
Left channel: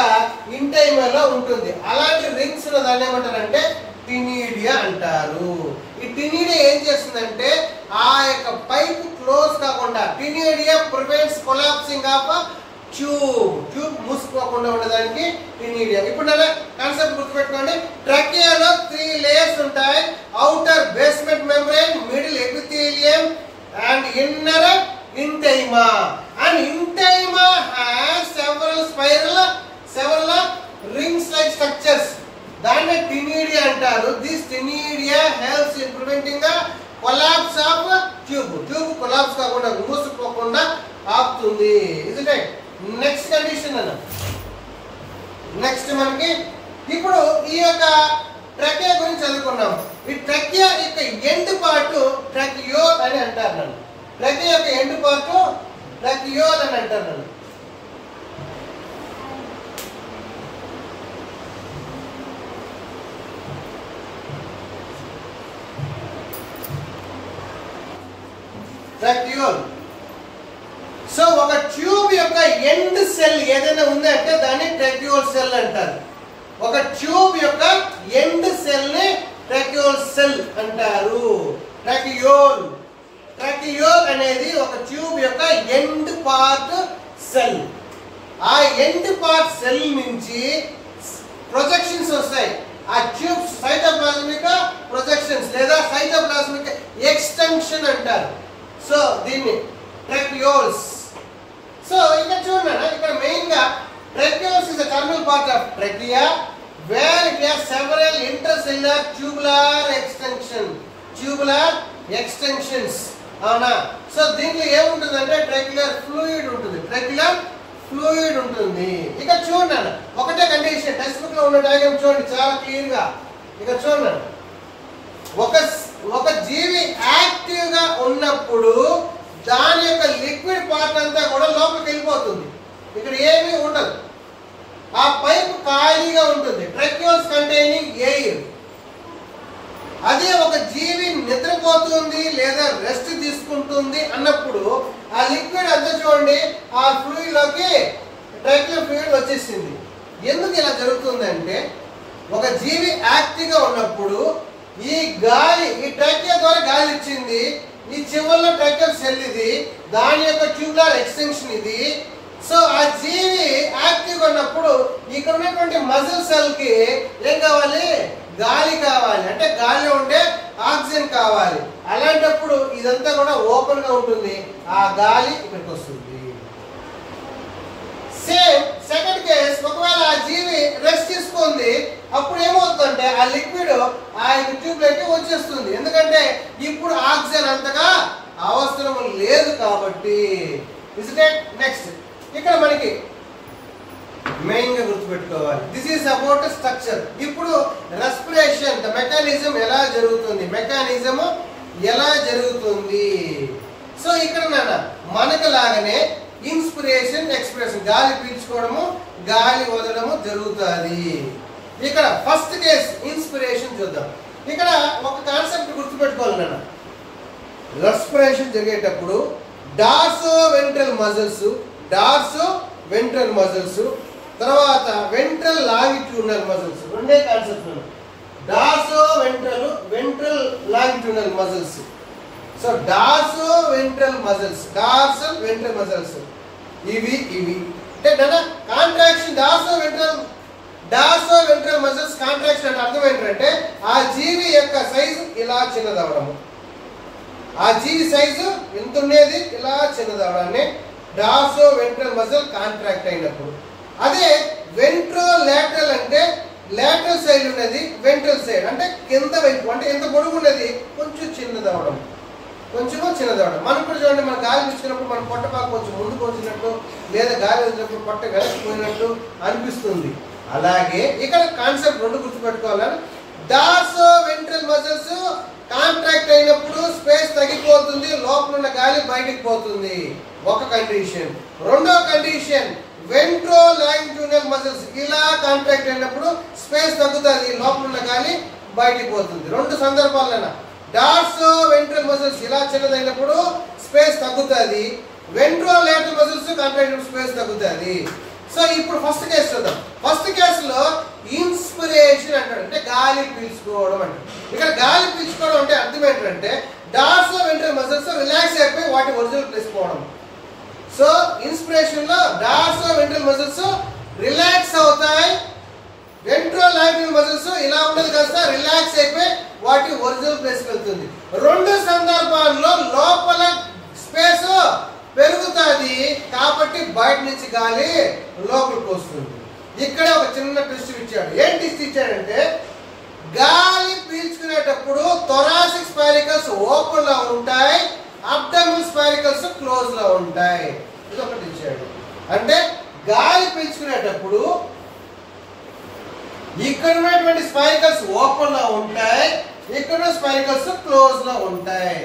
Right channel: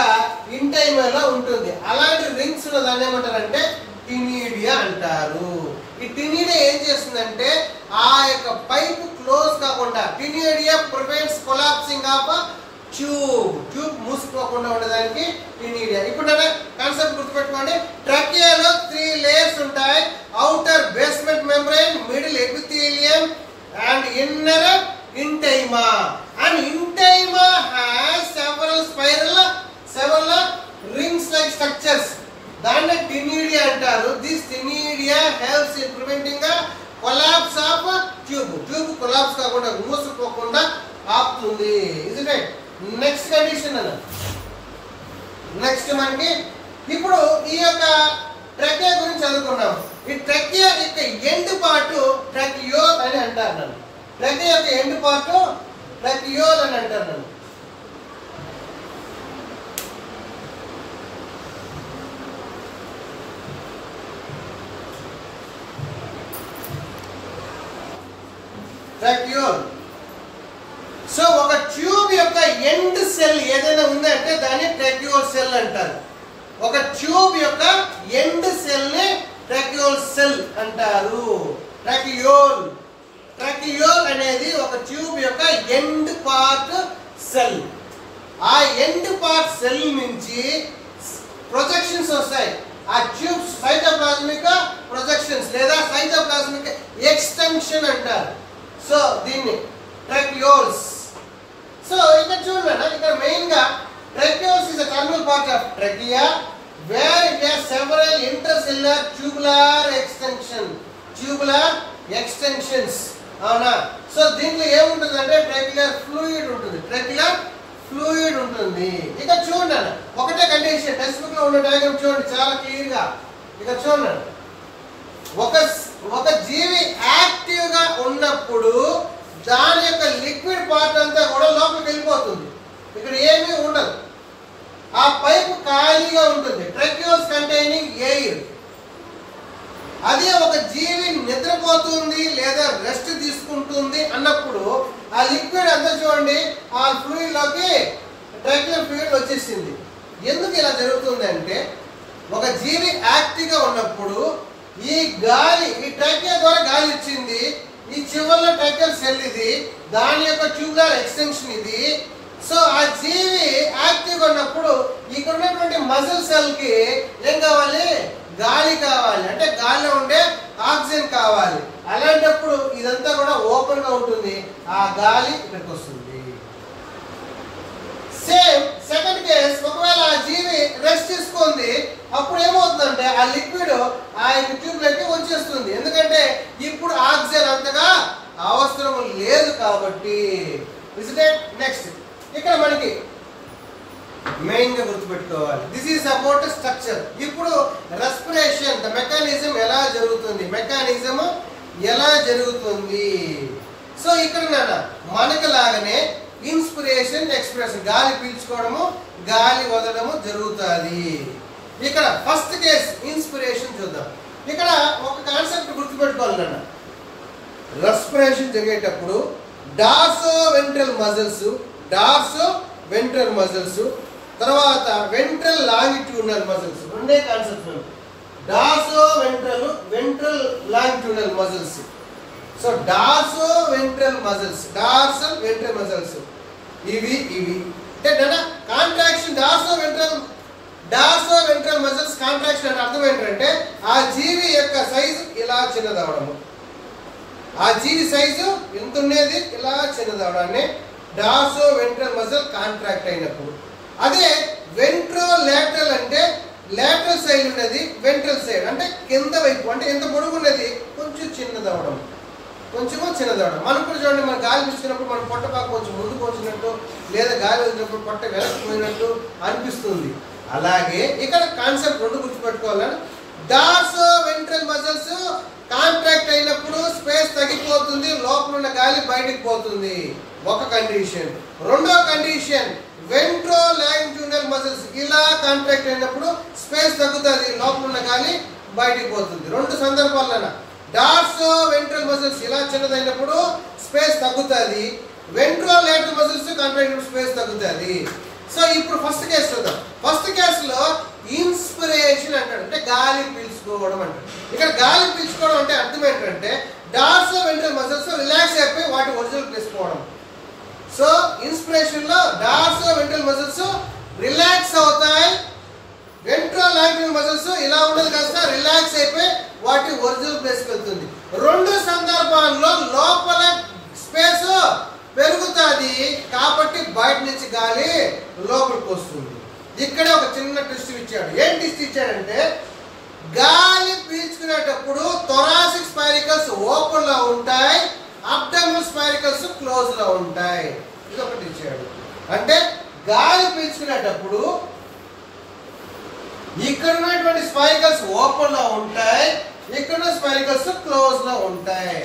ఇంటైమాలో ఉంటుంది. అలాంటి రింగ్స్ దాన్ని ఏమంటారంటే టినీడియా అంటారు. ఈ టినీడియా ఏం చేస్తుందంటే ఆ యొక్క పైప్ క్లోజ్ కాకుండా, taenidia prevents collapsing of tube మూసుకోకుండా ఉండడానికి టినీడియా. ఇప్పుడు కాన్సెప్ట్ గుర్తుపెట్టుకోండి, ట్రాకియాలో 3 లేయర్స్ ఉంటాయి. Outer basement membrane, middle epithelium and inner intima. And intima has several rings like structures. దాన్ని టినీడియా అంటారు. This taenidia helps in preventing the collapse of tube. Tube collapse కాకుండా, మూసుకుపోకుండా ఆపుతుంది. Isn't it? నెక్స్ట్ కండిషన్ అన్న. నెక్స్ట్ మనకి ఇప్పుడు ఈ యొక్క ట్రకియా గురించి చదువుకున్నాం. ఈ ట్రకియా యొక్క ఎండ్ పార్ట్ ట్రకియోల్ అని అంటారు నన్ను. ట్రకియా యొక్క ఎండ్ పార్ట్ ట్రకియోల్ అని అంటారు నన్ను. ట్రకియోల్. సో ఒక ట్యూబ్ యొక్క ఎండ్ సెల్ ఏదైనా ఉందంటే దాన్ని ట్రకియోల్ సెల్ అంటారు. ఒక ట్యూబ్ యొక్క ఎండ్ సెల్ ని ట్రకియోల్ సెల్ అంటారు. ట్రకియోల్. ట్రకియోల్ అనేది ఒక ట్యూబ్ యొక్క ఎండ్ పార్ట్ సెల్. ఆ ఎండ్ పార్ట్ సెల్ నుంచి ప్రొజెక్షన్స్ వస్తాయి. ఆ ట్యూబ్ సైటోప్లాస్మిక్ ప్రొజెక్షన్స్ లేదా సైటోప్లాస్మిక్ ఎక్స్టెన్షన్ అంటారు. సో దీన్ని ట్రకియోల్స్. సో ఇక్కడ చూడండి, ఇక్కడ మెయిన్ గా tracheoles is the terminal part of trachea where it has several intercellular tubular extension. Tubular extensions. అవునా? సో దీంట్లో ఏముంటుందంటే ట్రకియులర్ ఫ్లూయిడ్ ఉంటుంది. ట్రకియులర్ ఫ్లూయిడ్ ఉంటుంది. ఇక చూడండి, ఒకటే కండిషన్. టెక్స్ట్ బుక్ లో ఉన్న డయాగ్రామ్ చూడండి చాలా క్లియర్ గా. ఇక చూడండి, ఒక జీవి యాక్టివ్ గా ఉన్నప్పుడు దాని యొక్క లిక్విడ్ పార్ట్ అంతా కూడా లోపలికి వెళ్ళిపోతుంది. ఇక్కడ ఏమీ ఉండదు. ఆ పైపు ఖాళీగా ఉంటుంది. ట్రకియోల్స్ కంటైనింగ్ ఎయిర్. అదే ఒక జీవి నిద్రపోతుంది లేదా రెస్ట్ తీసుకుంటుంది అన్నప్పుడు ఆ లిక్విడ్ అంతా చూడండి ఆ ఫ్లూయిడ్ లోకి ట్రకియల్ ఫ్లూయిడ్ వచ్చేసింది. ఎందుకు ఇలా జరుగుతుందంటే ఒక జీవి యాక్టివ్ గా ఉన్నప్పుడు ఈ గాలి, ఈ ట్రకియా ద్వారా గాలి ఇచ్చింది. ఈ చివరిలో ట్రకియల్ సెల్ ఇది, దాని యొక్క ట్యూబులర్ ఎక్స్టెన్షన్ ఇది. సో ఆ జీవి యాక్టివ్ గా ఉన్నప్పుడు ఇక్కడ ఉన్నటువంటి మజిల్ సెల్ కి ఏం కావాలి? గాలి కావాలి. అంటే గాలిలో ఉండే ఆక్సిజన్ కావాలి. అలాంటప్పుడు ఇదంతా కూడా ఓపెన్ గా ఉంటుంది. ఆ గాలి ఇక్కడికి వస్తుంది. సేమ్ సెకండ్ కేస్, ఒకవేళ ఆ జీవి రెస్ట్ తీసుకుంది, అప్పుడు ఏమవుతుందంటే ఆ లిక్విడ్ ఆ ట్యూబ్ లోకి వచ్చేస్తుంది. ఎందుకంటే ఇప్పుడు ఆక్సిజన్ అంతగా అవసరం లేదు కాబట్టి. నెక్స్ట్ ఇక్కడ మనకి మెయిన్ గా గుర్తుపెట్టుకోవాలి, దిస్ ఈస్ అబౌట్ స్ట్రక్చర్. ఇప్పుడు రెస్పిరేషన్ ద మెకానిజం ఎలా జరుగుతుంది, మెకానిజం ఎలా జరుగుతుంది. సో ఇక్కడ మనకు లాగానే ఇన్స్పిరేషన్ ఎక్స్పిరేషన్, గాలి పీల్చుకోవడము గాలి వదలడము జరుగుతుంది. ఇక్కడ ఫస్ట్ కేస్ ఇన్స్పిరేషన్ చూద్దాం. ఇక్కడ ఒక కాన్సెప్ట్ గుర్తుపెట్టుకోవాలి. రెస్పిరేషన్ జరిగేటప్పుడు డార్సో వెంట్రల్ మజిల్స్, తర్వాత వెంట్రల్ లాంగిట్యూడినల్ మజిల్స్, రెండే concept. Dorsoventral longitudinal muscles. So dorsal ventral muscles ఇవి అంటే contraction dorsoventral muscles contraction అంటే అర్థం ఏంటంటే ఆ జీవి యొక్క సైజు ఇలా చిన్నదవడము. ఆ జీవి సైజు ఎంత ఉండేది ఇలా చిన్నదవడాన్ని డార్సో వెంట్రల్ మజిల్ కాంట్రాక్ట్ అయినప్పుడు. అదే వెంట్రోలాటరల్ అంటే లాటరల్ సైడ్ ఉన్నది, వెంట్రల్ సైడ్ అంటే కింద వైపు, అంటే ఎంత పొడుగు ఉన్నది కొంచెం చిన్నదవడం. మనం కూడా చూడండి, మన గాలి పీల్చినప్పుడు మన పొట్టపాకు కొంచెం ముందుకు వచ్చినట్టు లేదా గాలి వచ్చినప్పుడు పొట్ట వెనక్కిపోయినట్టు అనిపిస్తుంది. అలాగే ఇక్కడ కాన్సెప్ట్ రెండు గుర్తుపెట్టుకోవాలని, డార్సో వెంట్రల్ మజిల్స్ కాంట్రాక్ట్ అయినప్పుడు స్పేస్ తగ్గిపోతుంది, లోపల ఉన్న గాలి బయటికి పోతుంది. ఒక కండిషన్. రెండో కండిషన్, వెంట్రోలాంగిట్యూడినల్ మజిల్స్ ఇలా కాంట్రాక్ట్ అయినప్పుడు స్పేస్ తగ్గుతుంది, లోపల ఉన్న గాలి బయటికి పోతుంది. రెండు సందర్భాలన డార్సో వెంట్రల్ మజిల్స్ ఇలా చిన్నదైనప్పుడు స్పేస్ తగ్గుతుంది, వెంట్రోలాటరల్ మజిల్స్ కాంట్రాక్ట్ అయినప్పుడు స్పేస్ తగ్గుతుంది. సో ఇప్పుడు ఫస్ట్ కేసు చూద్దాం. ఫస్ట్ కేసులో ఇన్స్పిరేషన్ అంటాడు, అంటే గాలి పీల్చుకోవడం అంటాడు. ఇక్కడ గాలి పీల్చుకోవడం అంటే అర్థం ఏంటంటే డార్సో వెంట్రల్ మజిల్స్ రిలాక్స్ అయిపోయి వాటి ఒరిజినల్ ప్లేస్ పోవడం. సో ఇన్స్పిరేషన్ లో డార్సో వెంట్రల్ మజిల్స్ రిలాక్స్ అవుతాయి, వెంట్రోలాటరల్ మజిల్స్ ఇలా ఉండదు కాస్త రిలాక్స్ అయిపోయి వాటి ఒరిజినల్ ప్లేస్ కి వెళ్తుంది. రెండు సందర్భాల్లో లోపల స్పేస్ పెరుగుతుంది కాబట్టి బయట నుంచి గాలి లోపలికి వస్తుంది. ఇక్కడ ఒక చిన్న ట్విస్ట్ ఇచ్చాడు. ఏం ట్విస్ట్ ఇచ్చాడంటే గాలి పీల్చుకునేటప్పుడు థొరాసిక్ స్పైరికల్స్ ఓపెన్ లో ఉంటాయి, అబ్డామినల్ స్పైరికల్స్ క్లోజ్ లో ఉంటాయి. ఇది ఒకటి ఇచ్చాడు. అంటే గాలి పీల్చుకునేటప్పుడు ఇక్కడ ఉన్నటువంటి స్పైకల్స్ ఓపెన్ లో ఉంటాయి, ఇక్కడ స్పైకల్స్ క్లోజ్ లో ఉంటాయి.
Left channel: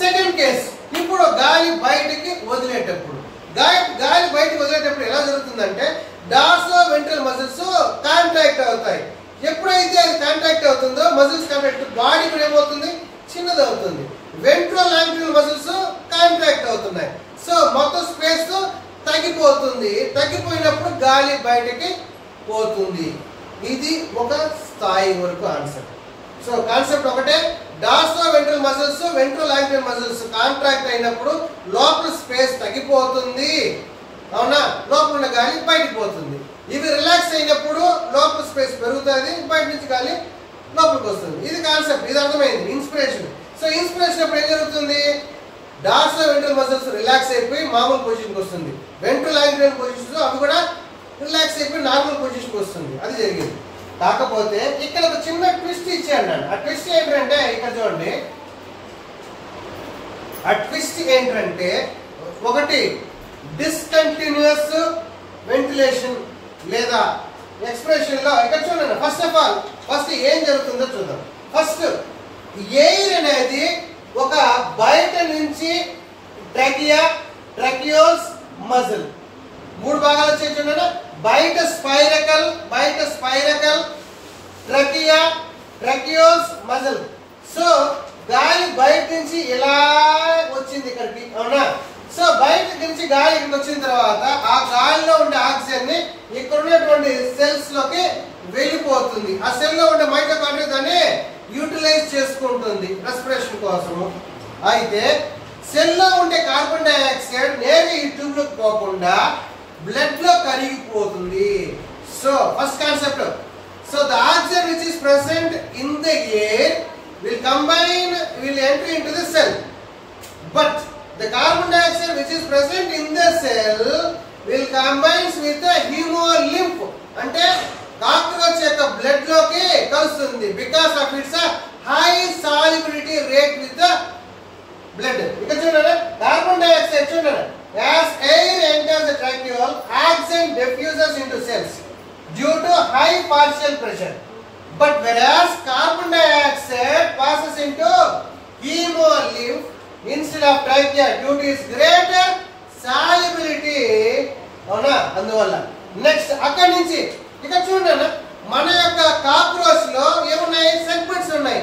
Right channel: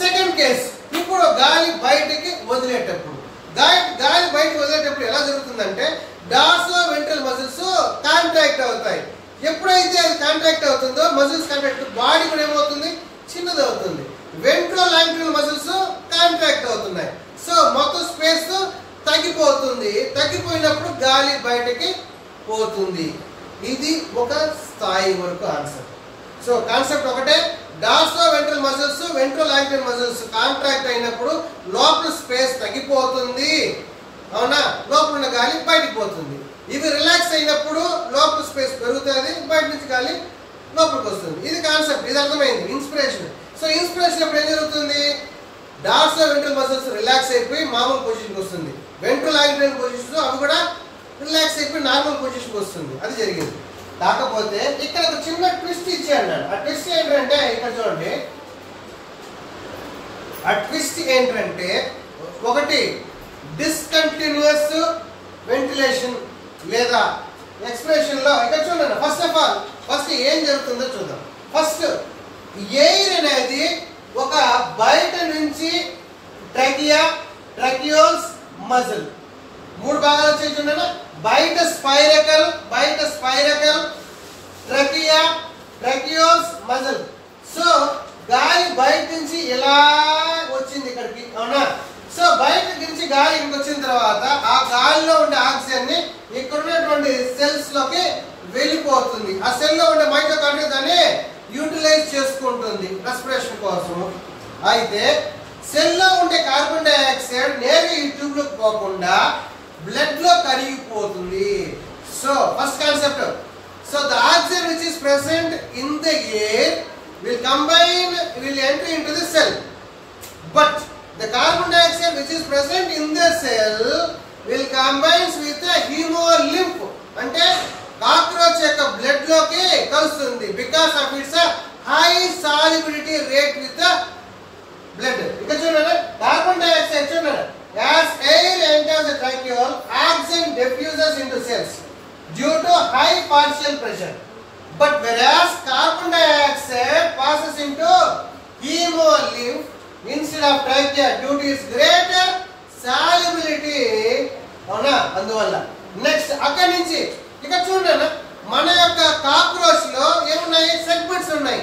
సెకండ్ కేస్, ఇప్పుడు గాలి బయటికి వదిలేటప్పుడు గాలి బయటికి వదిలేటప్పుడు ఎలా జరుగుతుందంటే డార్సో వెంట్రల్ మజిల్స్ కాంట్రాక్ట్ అవుతాయి. ఎప్పుడైతే అది కాంట్రాక్ట్ అవుతుందో మజిల్స్ కాంట్రాక్ట్ బాడీ కూడా ఏమవుతుంది, చిన్నది అవుతుంది. వెంట్రో లాంగ్యులర్ మజిల్స్ కాంట్రాక్ట్ అవుతున్నాయి. సో మొత్తం స్పేస్ తగ్గిపోతుంది. తగ్గిపోయినప్పుడు గాలి బయటకి పోతుంది. ఇది ఒక స్థాయి వరకు ఆన్సర్. సో కాన్సెప్ట్ ఒకటే, dorsoventral muscles ventro longitudinal muscles contract అయినప్పుడు లోపల స్పేస్ తగ్గిపోతుంది, అవునా, లోపల ఉన్న గాలి బయటికి పోతుంది. ఇవి రిలాక్స్ అయినప్పుడు లోపల స్పేస్ పెరుగుతుంది, బయట నుంచి గాలి లోపలికి వస్తుంది. ఇది కాన్సెప్ట్, ఇది అర్థమైంది. ఇన్స్పిరేషన్. సో ఇన్స్పిరేషన్ అప్పుడు ఏం జరుగుతుంది, డార్సో వెంట్రల్ మజిల్స్ రిలాక్స్ అయిపోయి మామూలు పొజిషన్కి వస్తుంది. వెంట్రో లాంగ్యులర్ పొజిషన్స్ అవి కూడా రిలాక్స్ అయిపోయి నార్మల్ పొజిషన్కి వస్తుంది. అది జరిగింది. కాకపోతే ఇక్కడ ఒక చిన్న ట్విస్ట్ ఇచ్చాను నేను. ఆ ట్విస్ట్ ఏంటంటే ఇక్కడ చూడండి, ఆ ట్విస్ట్ ఏంటంటే ఒకటి డిస్కంటిన్యూస్ వెంటిలేషన్ లేదా ఎక్స్ప్రెషన్ లో ఇక్కడ చూడండి. ఫస్ట్ ఆఫ్ ఆల్ ఫస్ట్ ఏం జరుగుతుందో చూద్దాం. ఫస్ట్ ఎయిర్ అనేది ఒక బయట నుంచి ట్రకియోస్ మజిల్ మూడు భాగాలు వచ్చాయి చూడండి. బయట స్పైరకల్ ట్రకియోస్ మజిల్. సో గాలి బయట నుంచి ఇలా వచ్చింది ఇక్కడికి, అవునా. సో బయట నుంచి గాలి ఇక్కడికి వచ్చిన తర్వాత ఆ గాలిలో ఉండే ఆక్సిజన్ ని ఇక్కడ ఉన్నటువంటి సెల్స్ లోకి వెళ్ళిపోతుంది. ఆ సెల్ లో ఉండే మైటోకాండ్రియా దాన్ని యూటిలైజ్ చేసుకుంటుంది రెస్పిరేషన్ కోసము. అయితే సెల్ లో ఉండే కార్బన్ డైఆక్సైడ్ నేరుగా ఈ ట్యూబ్ లోకి పోకుండా బ్లడ్ లో కరిగిపోతుంది. So first concept, so the oxygen which is present in the air will enter into the cell, but the carbon dioxide which is present in the cell will combine with the hemolymph, అంటే cockroach యొక్క blood లోకి కలుస్తుంది because of its high solubility rate with the blood. ఇక్కడ చూడండి, carbon dioxide చూడండి, as air enters the tracheal, oxygen diffuses into cells due to high partial pressure, but whereas carbon dioxide passes into hemolymph instead of trachea due to its greater solubility, అవునా, అందువల్ల. Next అక్కడి నుంచి ఇక్కడ చూడండి, మన యొక్క cockroach లో ఏమున్నాయి, సెగ్మెంట్స్ ఉన్నాయి.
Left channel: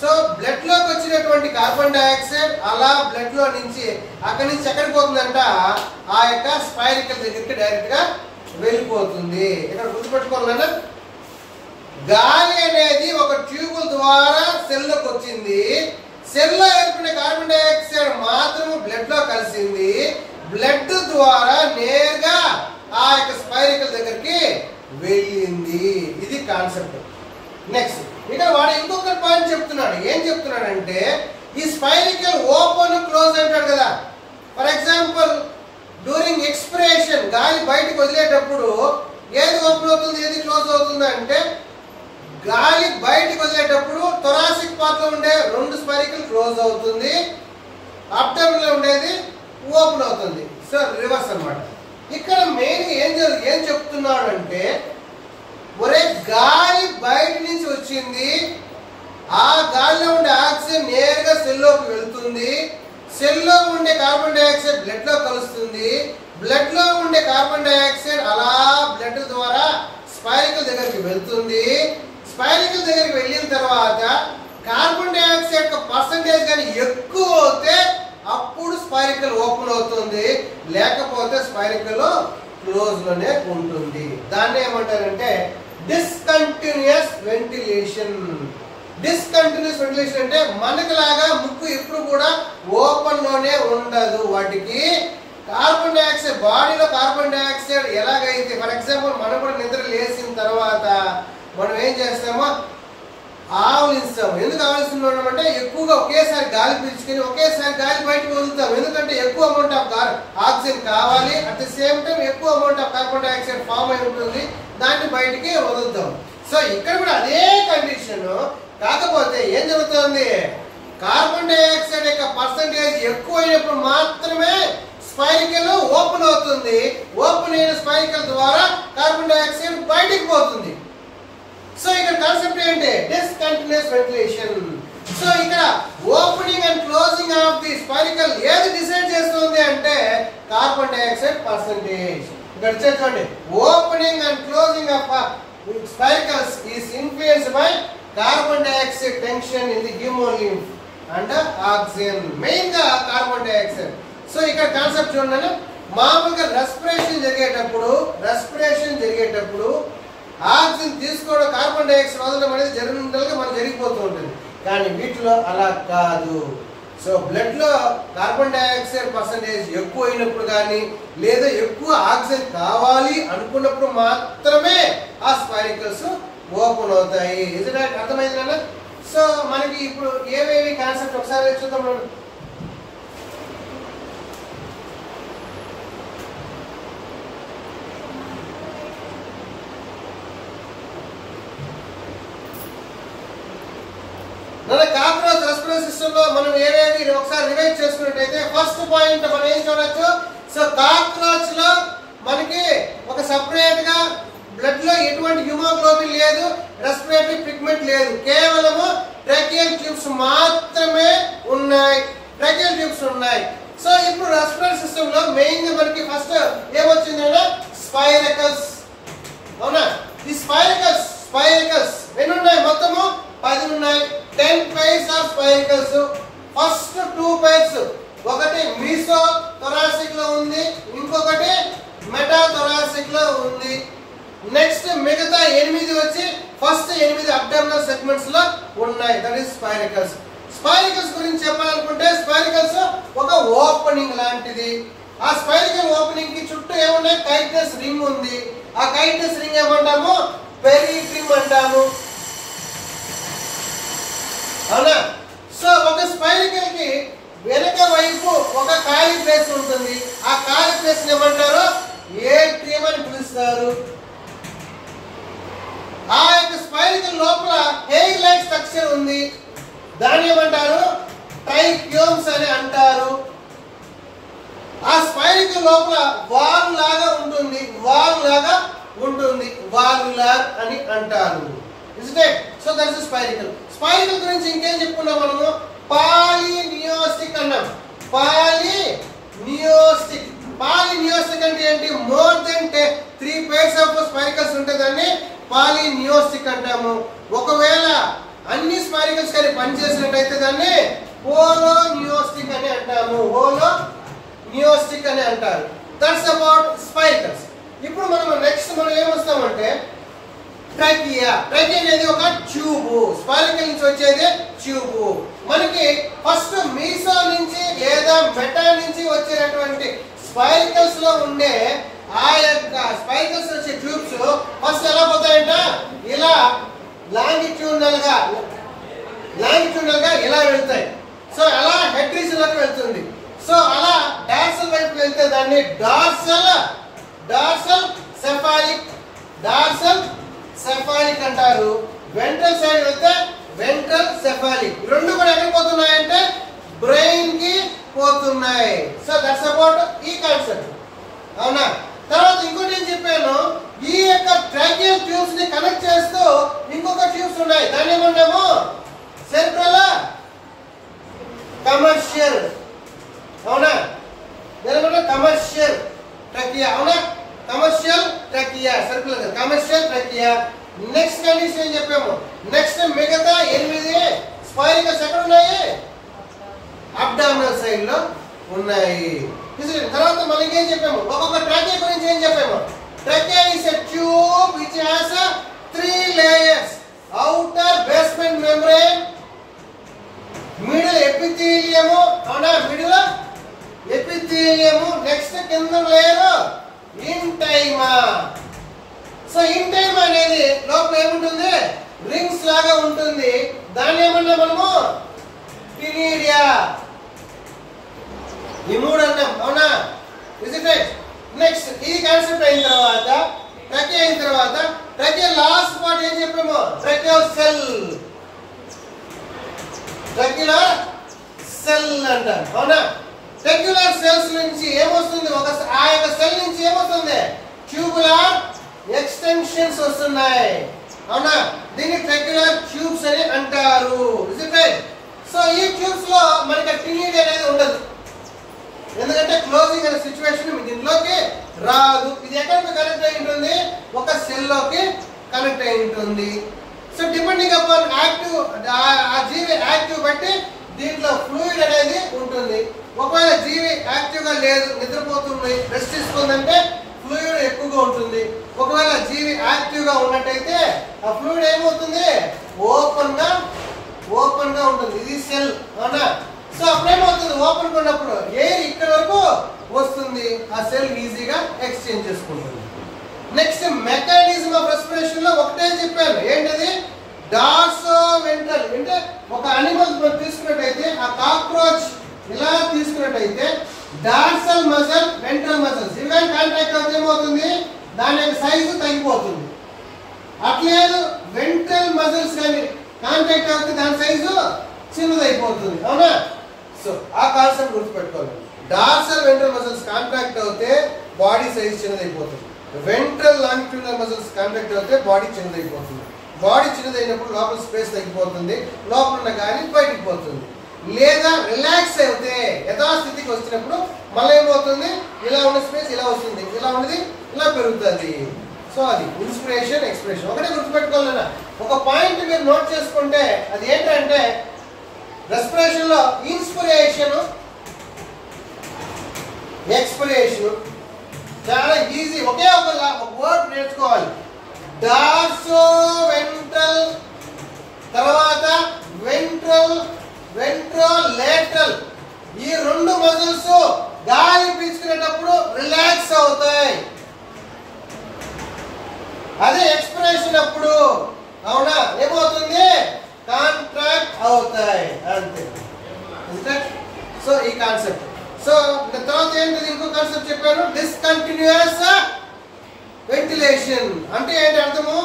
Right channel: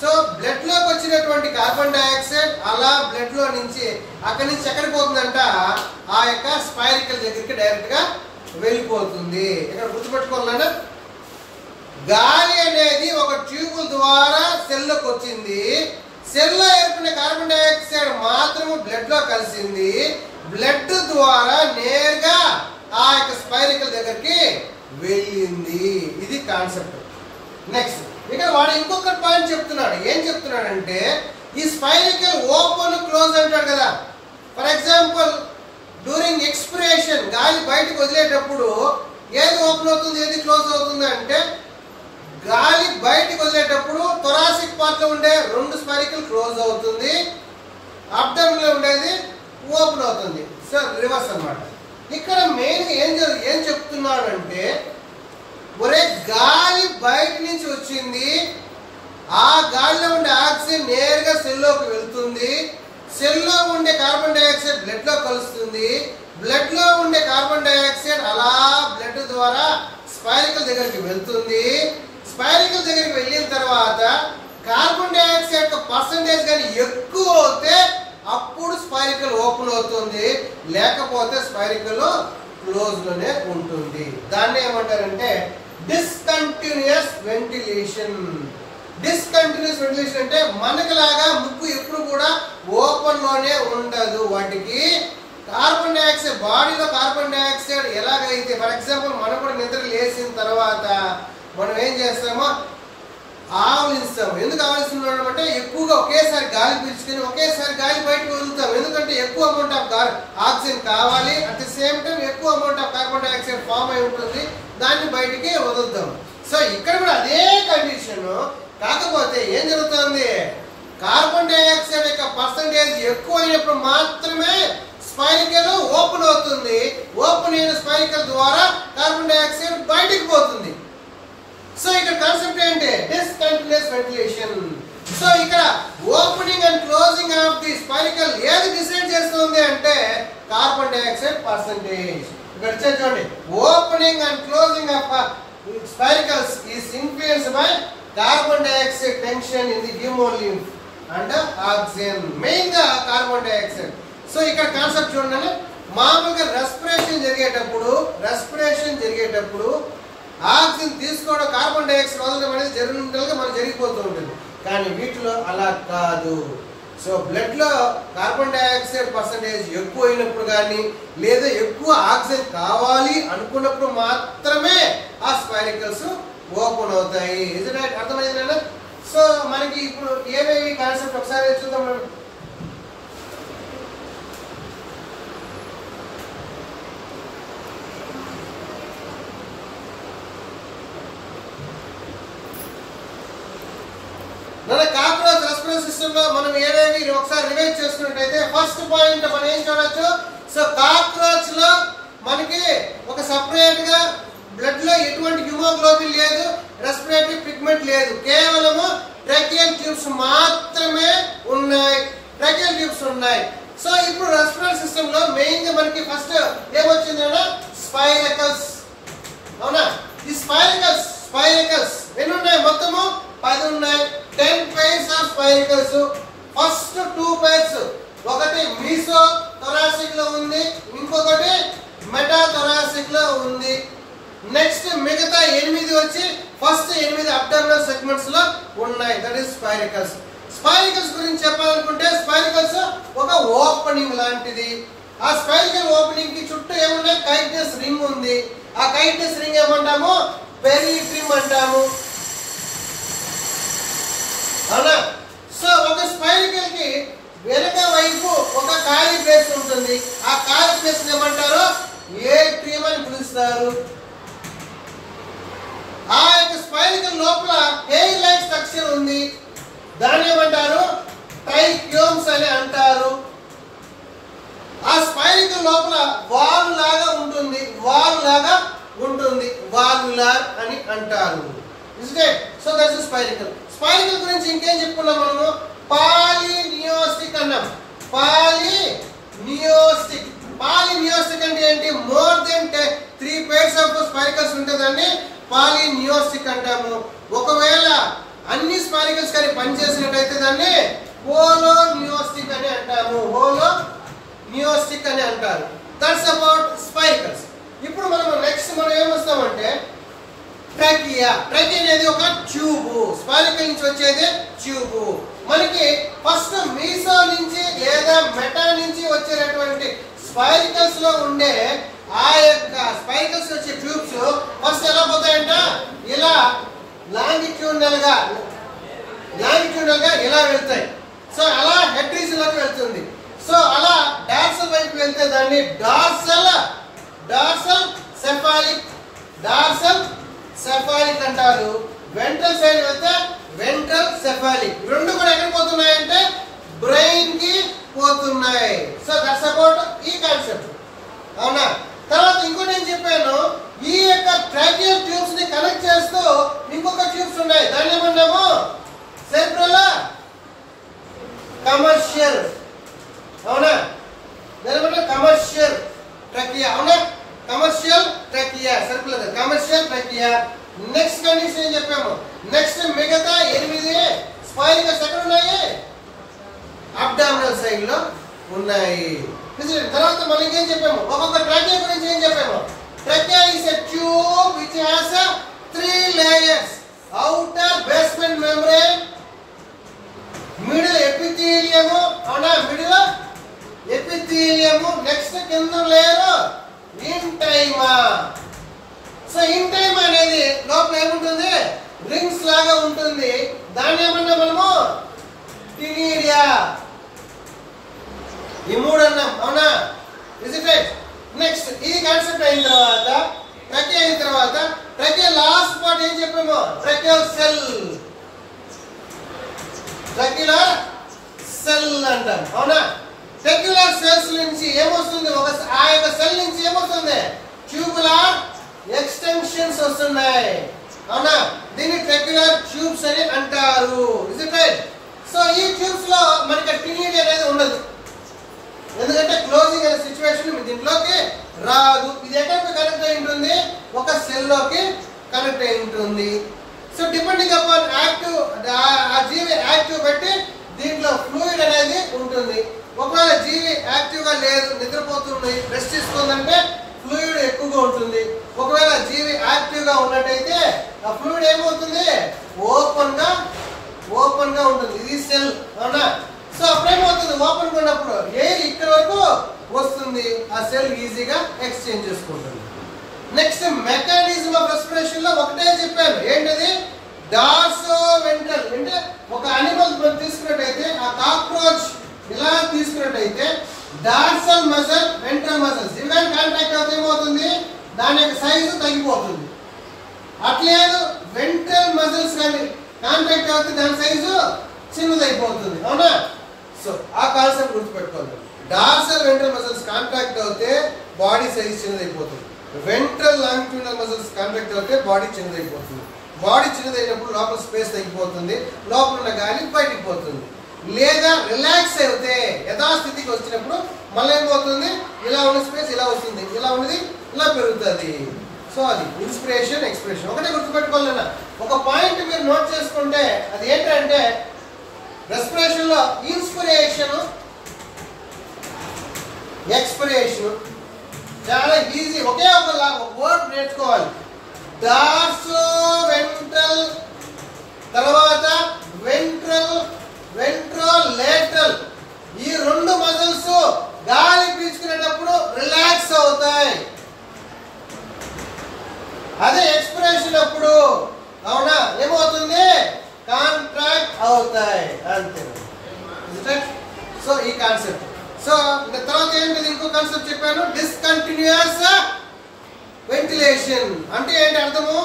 సో బ్లడ్ లోకి వచ్చినటువంటి కార్బన్ డైఆక్సైడ్ అలా బ్లడ్ లో నుంచి అక్కడి నుంచి ఎక్కడికి పోతుందంట, ఆ యొక్క స్పైరికల్ దగ్గరికి డైరెక్ట్ గా వెళ్ళిపోతుంది. ఇక్కడ గుర్తుపెట్టుకోవాలన్నా, గాలి అనేది ఒక ట్యూబ్ ద్వారా సెల్ లోకి వచ్చింది. సెల్ లో ఏర్పడిన కార్బన్ డైఆక్సైడ్ మాత్రం బ్లడ్ లో కలిసింది. బ్లడ్ ద్వారా నేరుగా ఆ యొక్క స్పైరికల్ దగ్గరికి వెళ్ళింది. ఇది కాన్సెప్ట్. నెక్స్ట్ ఇక్కడ వాడు ఇంకొక పాయింట్ చెప్తున్నాడు. ఏం చెప్తున్నాడంటే, ఈ స్పైరికల్ ఓపెన్ క్లోజ్ అంటాడు కదా. ఫర్ ఎగ్జాంపుల్ డ్యూరింగ్ ఎక్స్పిరేషన్ గాలి బయటకు వదిలేటప్పుడు ఏది ఓపెన్ అవుతుంది, ఏది క్లోజ్ అవుతుంది అంటే, గాలి బయటకు వదిలేటప్పుడు థొరాసిక్ పార్ట్ లో ఉండే రెండు స్పైరికల్ క్లోజ్ అవుతుంది, అబ్డామిన్ లో ఉండేది ఓపెన్ అవుతుంది. సో రివర్స్ అన్నమాట. ఇక్కడ మెయిన్ ఏం చెప్తున్నాడు అంటే, ఒరే గాలి బయట నుంచి వచ్చింది, ఆ గాలిలో ఉండే ఆక్సిజన్ నేరుగా సెల్లోకి వెళ్తుంది. సెల్లో ఉండే కార్బన్ డైఆక్సైడ్ బ్లడ్ లో కలుస్తుంది. బ్లడ్ లో ఉండే కార్బన్ డైఆక్సైడ్ అలా బ్లడ్ ద్వారా స్పైరికల్ దగ్గరికి వెళ్తుంది. స్పైరికల్ దగ్గరికి వెళ్ళిన తర్వాత కార్బన్ డైఆక్సైడ్ యొక్క పర్సంటేజ్ కానీ ఎక్కువ అవుతే అప్పుడు స్పైరికల్ ఓపెన్ అవుతుంది, లేకపోతే స్పైరికల్ క్లోజ్ లోనే ఉంటుంది. దాన్ని ఏమంటారంటే డిస్కంటిన్యూస్ వెంటిలేషన్. డిస్కంటిన్యూస్ వెంటిలేషన్ అంటే మనకులాగా ముక్కు ఎప్పుడు కూడా ఓపెన్ లోనే ఉండదు. వాటికి కార్బన్ డైఆక్సైడ్ బాడీలో కార్బన్ డైఆక్సైడ్ ఎలాగైతే, ఫర్ ఎగ్జాంపుల్ మనం కూడా నిద్ర లేచిన తర్వాత మనం ఏం చేస్తామో ఆవలిస్తాము. ఎందుకు ఆవలిస్తున్నాం అంటే, ఎక్కువగా ఒకేసారి గాలి పీల్చుకుని ఒకేసారి గాలి బయటకు వదులుతాం. ఎందుకంటే ఎక్కువ అమౌంట్ ఆఫ్ ఆక్సిజన్ కావాలి, అట్ ది సేమ్ టైం ఎక్కువ amount of carbon dioxide form అయి ఉంటుంది, దాన్ని బయటికి వదులుతాం. సో ఇక్కడ కూడా అదే కండిషన్. కాకపోతే ఏం జరుగుతుంది, కార్బన్ డైఆక్సైడ్ యొక్క పర్సంటేజ్ ఎక్కువ అయినప్పుడు మాత్రమే స్పైరికల్ ఓపెన్ అవుతుంది. ఓపెన్ అయిన స్పైరికల్ ద్వారా కార్బన్ డైఆక్సైడ్ బయటికి పోతుంది. సో ఇక్కడ కాన్సెప్ట్ ఏంటి? Discontinuous ventilation. సో ఇక్కడ opening and closing of the spiracle ఏది డిసైడ్ చేస్తుంది అంటే కార్బన్ డైఆక్సైడ్ పర్సెంటేజ్. ఇక్కడ చూడండి, opening and closing of spiracles is influenced by carbon dioxide tension in the haemolymph and oxygen, main గా carbon dioxide. So ఇక్కడ concept చూడండి, మామూలుగా respiration జరిగేటప్పుడు ఆక్సిజన్ తీసుకోవడం, కార్బన్ డైఆక్సైడ్ వదలడం అనేది జరిగినట్టుగా మనం జరిగిపోతూ ఉంటుంది. కానీ వీటిలో అలా కాదు. సో బ్లడ్ లో కార్బన్ డైఆక్సైడ్ పర్సెంటేజ్ ఎక్కువ అయినప్పుడు కానీ లేదా ఎక్కువ ఆక్సిజన్ కావాలి అనుకున్నప్పుడు మాత్రమే ఆ స్పైరికల్స్ ఓపెన్ అవుతాయి. ఇది అర్థమైందా? సో మనకి ఇప్పుడు ఏవేవి కాన్సెప్ట్ ఒకసారి చూద్దాం. కాక్రోచ్ రెస్పిరేటరీ సిస్టమ్ లో మనం ఏవేవి ఒకసారి రివైజ్ చేసుకున్నట్టయితే ఫస్ట్ పాయింట్ మనం ఏం చూడొచ్చు? సో కాక్రోచ్ లో మనకి ఒక సెపరేట్ గా బ్లడ్ లో ఎటువంటి హిమోగ్లోబిన్ లేదు, రెస్పిరేటరీ పిగ్మెంట్ లేదు, కేవలము ట్రాకియల్ ట్యూబ్స్ మాత్రమే ఉన్నాయి. సో ఇప్పుడు రెస్పిరేటరీ సిస్టమ్ లో మెయిన్ గా మనకి ఫస్ట్ ఏమొచ్చిందంటే స్పైరికల్స్. అవునా? ఈ స్పైరికల్స్ ఎన్ని ఉన్నాయి? మొత్తము 10 ఉన్నాయి. 10 pairs ఆఫ్ స్పైరికల్స్. ఫస్ట్ 2 pairs ఒకటి మీసో థొరాసిక్ లో ఉంది, ఇంకొకటి మెటా థొరాసిక్ లో ఉంది. నెక్స్ట్ మిగతా 8 వచ్చి ఫస్ట్ 8 అబ్డామినల్ సెగ్మెంట్స్ లో ఉన్నాయి. That is స్పైరికల్స్. స్పైరికల్స్ గురించి చెప్పాలనుకుంటే స్పైరికల్స్ ఒక ఓపెనింగ్ లాంటిది. ఆ స్పైరికల్ ఓపెనింగ్ కి చుట్టూ ఏమున్నాయి? కైటినస్ రింగ్ ఉంది. ఆ కైటినస్ రింగ్ ఏమంటాము? పెరిట్రిమ్ అంటాము. అవునా? సో ఒక స్పైరికల్ కి వెనక వైపు ఒక ఖాళీ ప్లేస్ ఉంటుంది. ఆ ఖాళీ ప్లేస్ ఏమంటారు? ఏట్రియం అని పిలుస్తారు. ఆ యొక్క స్పైరికల్ లోపల హెయిర్ లైక్ స్ట్రక్చర్ ఉంది. దాన్ని ఏమంటారు? ట్రైక్యూమ్స్ అని అంటారు. ఆ స్పైరికల్ లోపల వాల్ లాగా ఉంటుంది. వాల్వులార్ అని అంటారు. So that's స్పైరికల్. స్పైరికల్ గురించి ఇంకేం చెప్పుకున్నాం మనము? పాలినియోస్టిక్ అన్నాం. పాలినియోస్టిక్ అంటే ఏంటి? మోర్ దెన్ 3 pairs ఆఫ్ స్పైరికల్స్ ఉంటుందని పాలినియోస్టిక్ అంటాము. ఒకవేళ అన్ని స్పైరికల్స్ కానీ పనిచేసినట్టయితే దాన్ని హోలోనియోస్టిక్ అని అంటాము. That's about spiracles. ఇప్పుడు మనం నెక్స్ట్ ఏమొస్తామంటే ట్రాకియా అనేది ఒక ట్యూబ్. స్పైరికల్ నుంచి వచ్చేది ట్యూబ్. మనకి ఫస్ట్ మీసో నుంచి లేదా మెటా నుంచి వచ్చేటటువంటి స్పైరికల్స్ లో ఉండే ఆ యొక్క స్పైరికల్స్ వచ్చే ట్యూబ్స్ ఫస్ట్ ఎలా పోతాయంట? ఇలా లాంగిట్యూడనల్ గా ఇలా వెళ్తాయి. సో అలా హెడ్ రీజన్ లోకి వెళ్తుంది. సో అలా డార్సల్ వైపు వెళ్తే దాన్ని డార్సల్ సెఫాలిక్ అంటారు. వెంట్రల్ సైడ్ వెళ్తే వెంట్రల్ సెఫాలిక్. రెండు కూడా ఎక్కడికి పోతున్నాయంటే బ్రెయిన్ కి పోతున్నాయి. సో దట్స్ అబౌట్ ఈ కాన్సెప్ట్. అవునా? తర్వాత ఇంకోటి ఏం చెప్పాను? ఈ యొక్క ట్రాకియల్ ట్యూబ్స్ ని కనెక్ట్ చేస్తూ ఇంకొక ట్యూబ్స్ ఉన్నాయి. దాన్ని ఏమన్నాము? Central commercial. అవునా? దాని కమర్షియల్ ట్రాకియా. అవునా? Commercial trachea. Circular commercial trachea. Next condition ఏం చెప్పాము? నెక్స్ట్ మిగతా 8 స్పైరికల్స్ ఎక్కడ ఉన్నాయి? అబ్డామినల్ సైడ్ లో ఉన్నాయి. తర్వాత మనం ఏం చెప్పాము? ఒక్కొక్క ట్రాకియా గురించి ఏం చెప్పాము? Trachea is a tube which has 3 layers. outer basement membrane, middle epithelium. అవునా? Middle epithelium. నెక్స్ట్ కింద లేయర్ ఇంటైమా. సో ఇంటైమా అనేది లోపల ఏముంటుంది? రింగ్స్ లాగా ఉంటుంది. దాన్ని ఏమన్నా మనము టినిడియా. ఈ 3 అన్నాం. అవునా? Is it right? నెక్స్ట్ ఈ కాన్సెప్ట్ అయిన తర్వాత ట్రకియా లాస్ట్ పార్ట్ ఏం చెప్పాము? ట్రకియల్ సెల్ అంటారు. అవునా? రెగ్యులర్ సెల్స్ నుంచి ఏమొస్తుంది, ఆ యొక్క సెల్ నుంచి ఏమొస్తుంది, ట్యూబులర్ ఎక్స్టెన్షన్స్ వస్తున్నాయి. అవునా, దీన్ని రెగ్యులర్ ట్యూబ్స్ అని అంటారు. Is it right? సో ఈ ట్యూబ్స్ లో మనకి ట్రినిటీ అనేది ఉండదు, ఎందుకంటే క్లోజింగ్ అనే సిచ్యువేషన్ దీంట్లోకి రాదు. ఇది ఎక్కడికి కనెక్ట్ అయి ఉంటుంది, ఒక సెల్ లోకి కనెక్ట్ అయి ఉంటుంది. సో డిపెండింగ్ అపాన్ యాక్టివ్, ఆ జీవి యాక్టివ్ బట్టి దీంట్లో ఫ్లూయిడ్ అనేది ఉంటుంది. ఒకవేళ జీవి యాక్టివ్ గా లేదు, నిద్రపోతుంది, రెస్ట్ తీసుకుందంటే ఫ్లూయిడ్ ఎక్కువగా ఉంటుంది. ఒకవేళ జీవి యాక్టివ్ గా ఉన్నట్టయితే ఆ ఫ్లూయిడ్ ఏమవుతుంది, ఓపెన్ గా ఉంటుంది. ఇది సెల్. అవునా? సో అప్పుడేమవుతుంది, ఓపెన్ గా ఉన్నప్పుడు ఎయిర్ ఇక్కడ వరకు వస్తుంది, ఆ సెల్ ఈజీగా ఎక్స్చేంజ్ చేసుకుంటుంది. నెక్స్ట్ మెకానిజం ఆఫ్ రెస్పిరేషన్ లో ఒకటే చెప్పాను, ఏంటది, డార్సో వెంట్రల్. అంటే ఒక అనిమల్ తీసుకున్నట్టయితే, ఆ కాక్రోచ్ ఇలా తీసుకున్నట్టయితే డార్సల్ మజిల్, వెంట్రల్ మజిల్స్ ఇవి కాంటాక్ట్ అవుతే ఏమవుతుంది, దాని యొక్క సైజు తగ్గిపోతుంది. అట్లేదు వెంట్రల్ మజిల్స్ కానీ కాంటాక్ట్ అవుతే దాని సైజు చిన్నదైపోతుంది. అవునా? సో ఆ కాన్సెప్ట్ గుర్తుపెట్టుకోవాలి. డార్సల్ వెంట్రల్ మజిల్స్ కాంటాక్ట్ అవుతే బాడీ సైజ్ చిన్నదైపోతుంది. వెంట్రల్ లాంగిట్యూడినల్ మజిల్స్ కాంటాక్ట్ అవుతే బాడీ చిన్నదైపోతుంది. బాడీ చిన్నదైనప్పుడు లోపల స్పేస్ తగ్గిపోతుంది, లోపల ఉన్న గాలి బయటికి పోతుంది. లేదా రిలాక్స్ అయితే యథాస్థితికి వచ్చినప్పుడు మళ్ళీ ఏమవుతుంది, ఇలా ఉన్న స్పేస్ ఇలా వస్తుంది, ఇలా ఉన్నది ఇలా పెరుగుతుంది. సో అది ఇన్స్పిరేషన్, ఎక్స్పిరేషన్. ఒకటే గుర్తుపెట్టుకోవాలన్నా, ఒక పాయింట్ మీరు నోట్ చేసుకుంటే అది ఏంటంటే, రెస్పిరేషన్ లో ఇన్స్పిరేషన్, ఎక్స్పిరేషన్ చాలా ఈజీ. ఒకే ఒక వర్డ్ నేర్చుకోవాలి. డార్సో వెంట్రల్, తర్వాత వెంట్రోలేటరల్. ఈ రెండు మజిల్స్ గాలి పీల్చుకునేటప్పుడు రిలాక్స్ అవుతాయి. అదే ఎక్స్పిరేషన్ అప్పుడు అవునా ఏమవుతుంది, కాంట్రాక్ట్ అవుతాయి. అంతే. సో ఈ కాన్సెప్ట్. సో తర్వాత ఏంటిది, ఇంకో కాన్సెప్ట్ చెప్పాను, డిస్కంటిన్యూయస్ వెంటిలేషన్. అంటే ఏంటి అర్థము,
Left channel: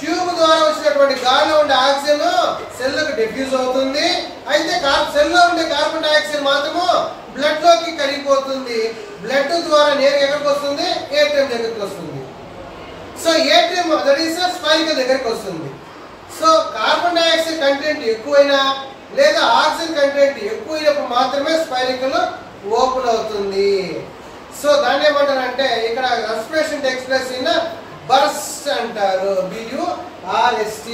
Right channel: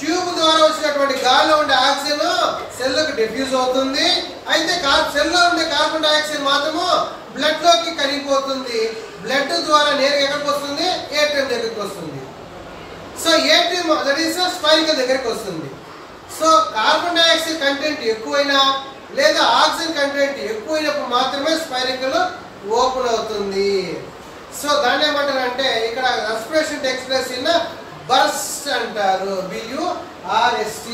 ట్యూబ్ ద్వారా వచ్చినటువంటి గాలిలో ఉండే ఆక్సిజన్ సెల్లకు డిఫ్యూజ్ అవుతుంది. అయితే సెల్లో ఉండే కార్బన్ డైఆక్సైడ్ మాత్రము బ్లడ్ లోకి కరిగిపోతుంది. బ్లడ్ ద్వారా నేరుగా ఎక్కడికి వస్తుంది, ఏటీఎం దగ్గరికి వస్తుంది. సో ఏటీఎం స్పైరికల్ దగ్గరికి వస్తుంది. సో కార్బన్ డైఆక్సైడ్ కంటెంట్ ఎక్కువైనా లేదా ఆక్సిజన్ కంటెంట్ ఎక్కువైనప్పుడు మాత్రమే స్పైరికల్ ఓపెన్ అవుతుంది. సో దాన్ని ఏమంటారు అంటే, ఇక్కడ respiration takes place in burst అంటారు, BURST.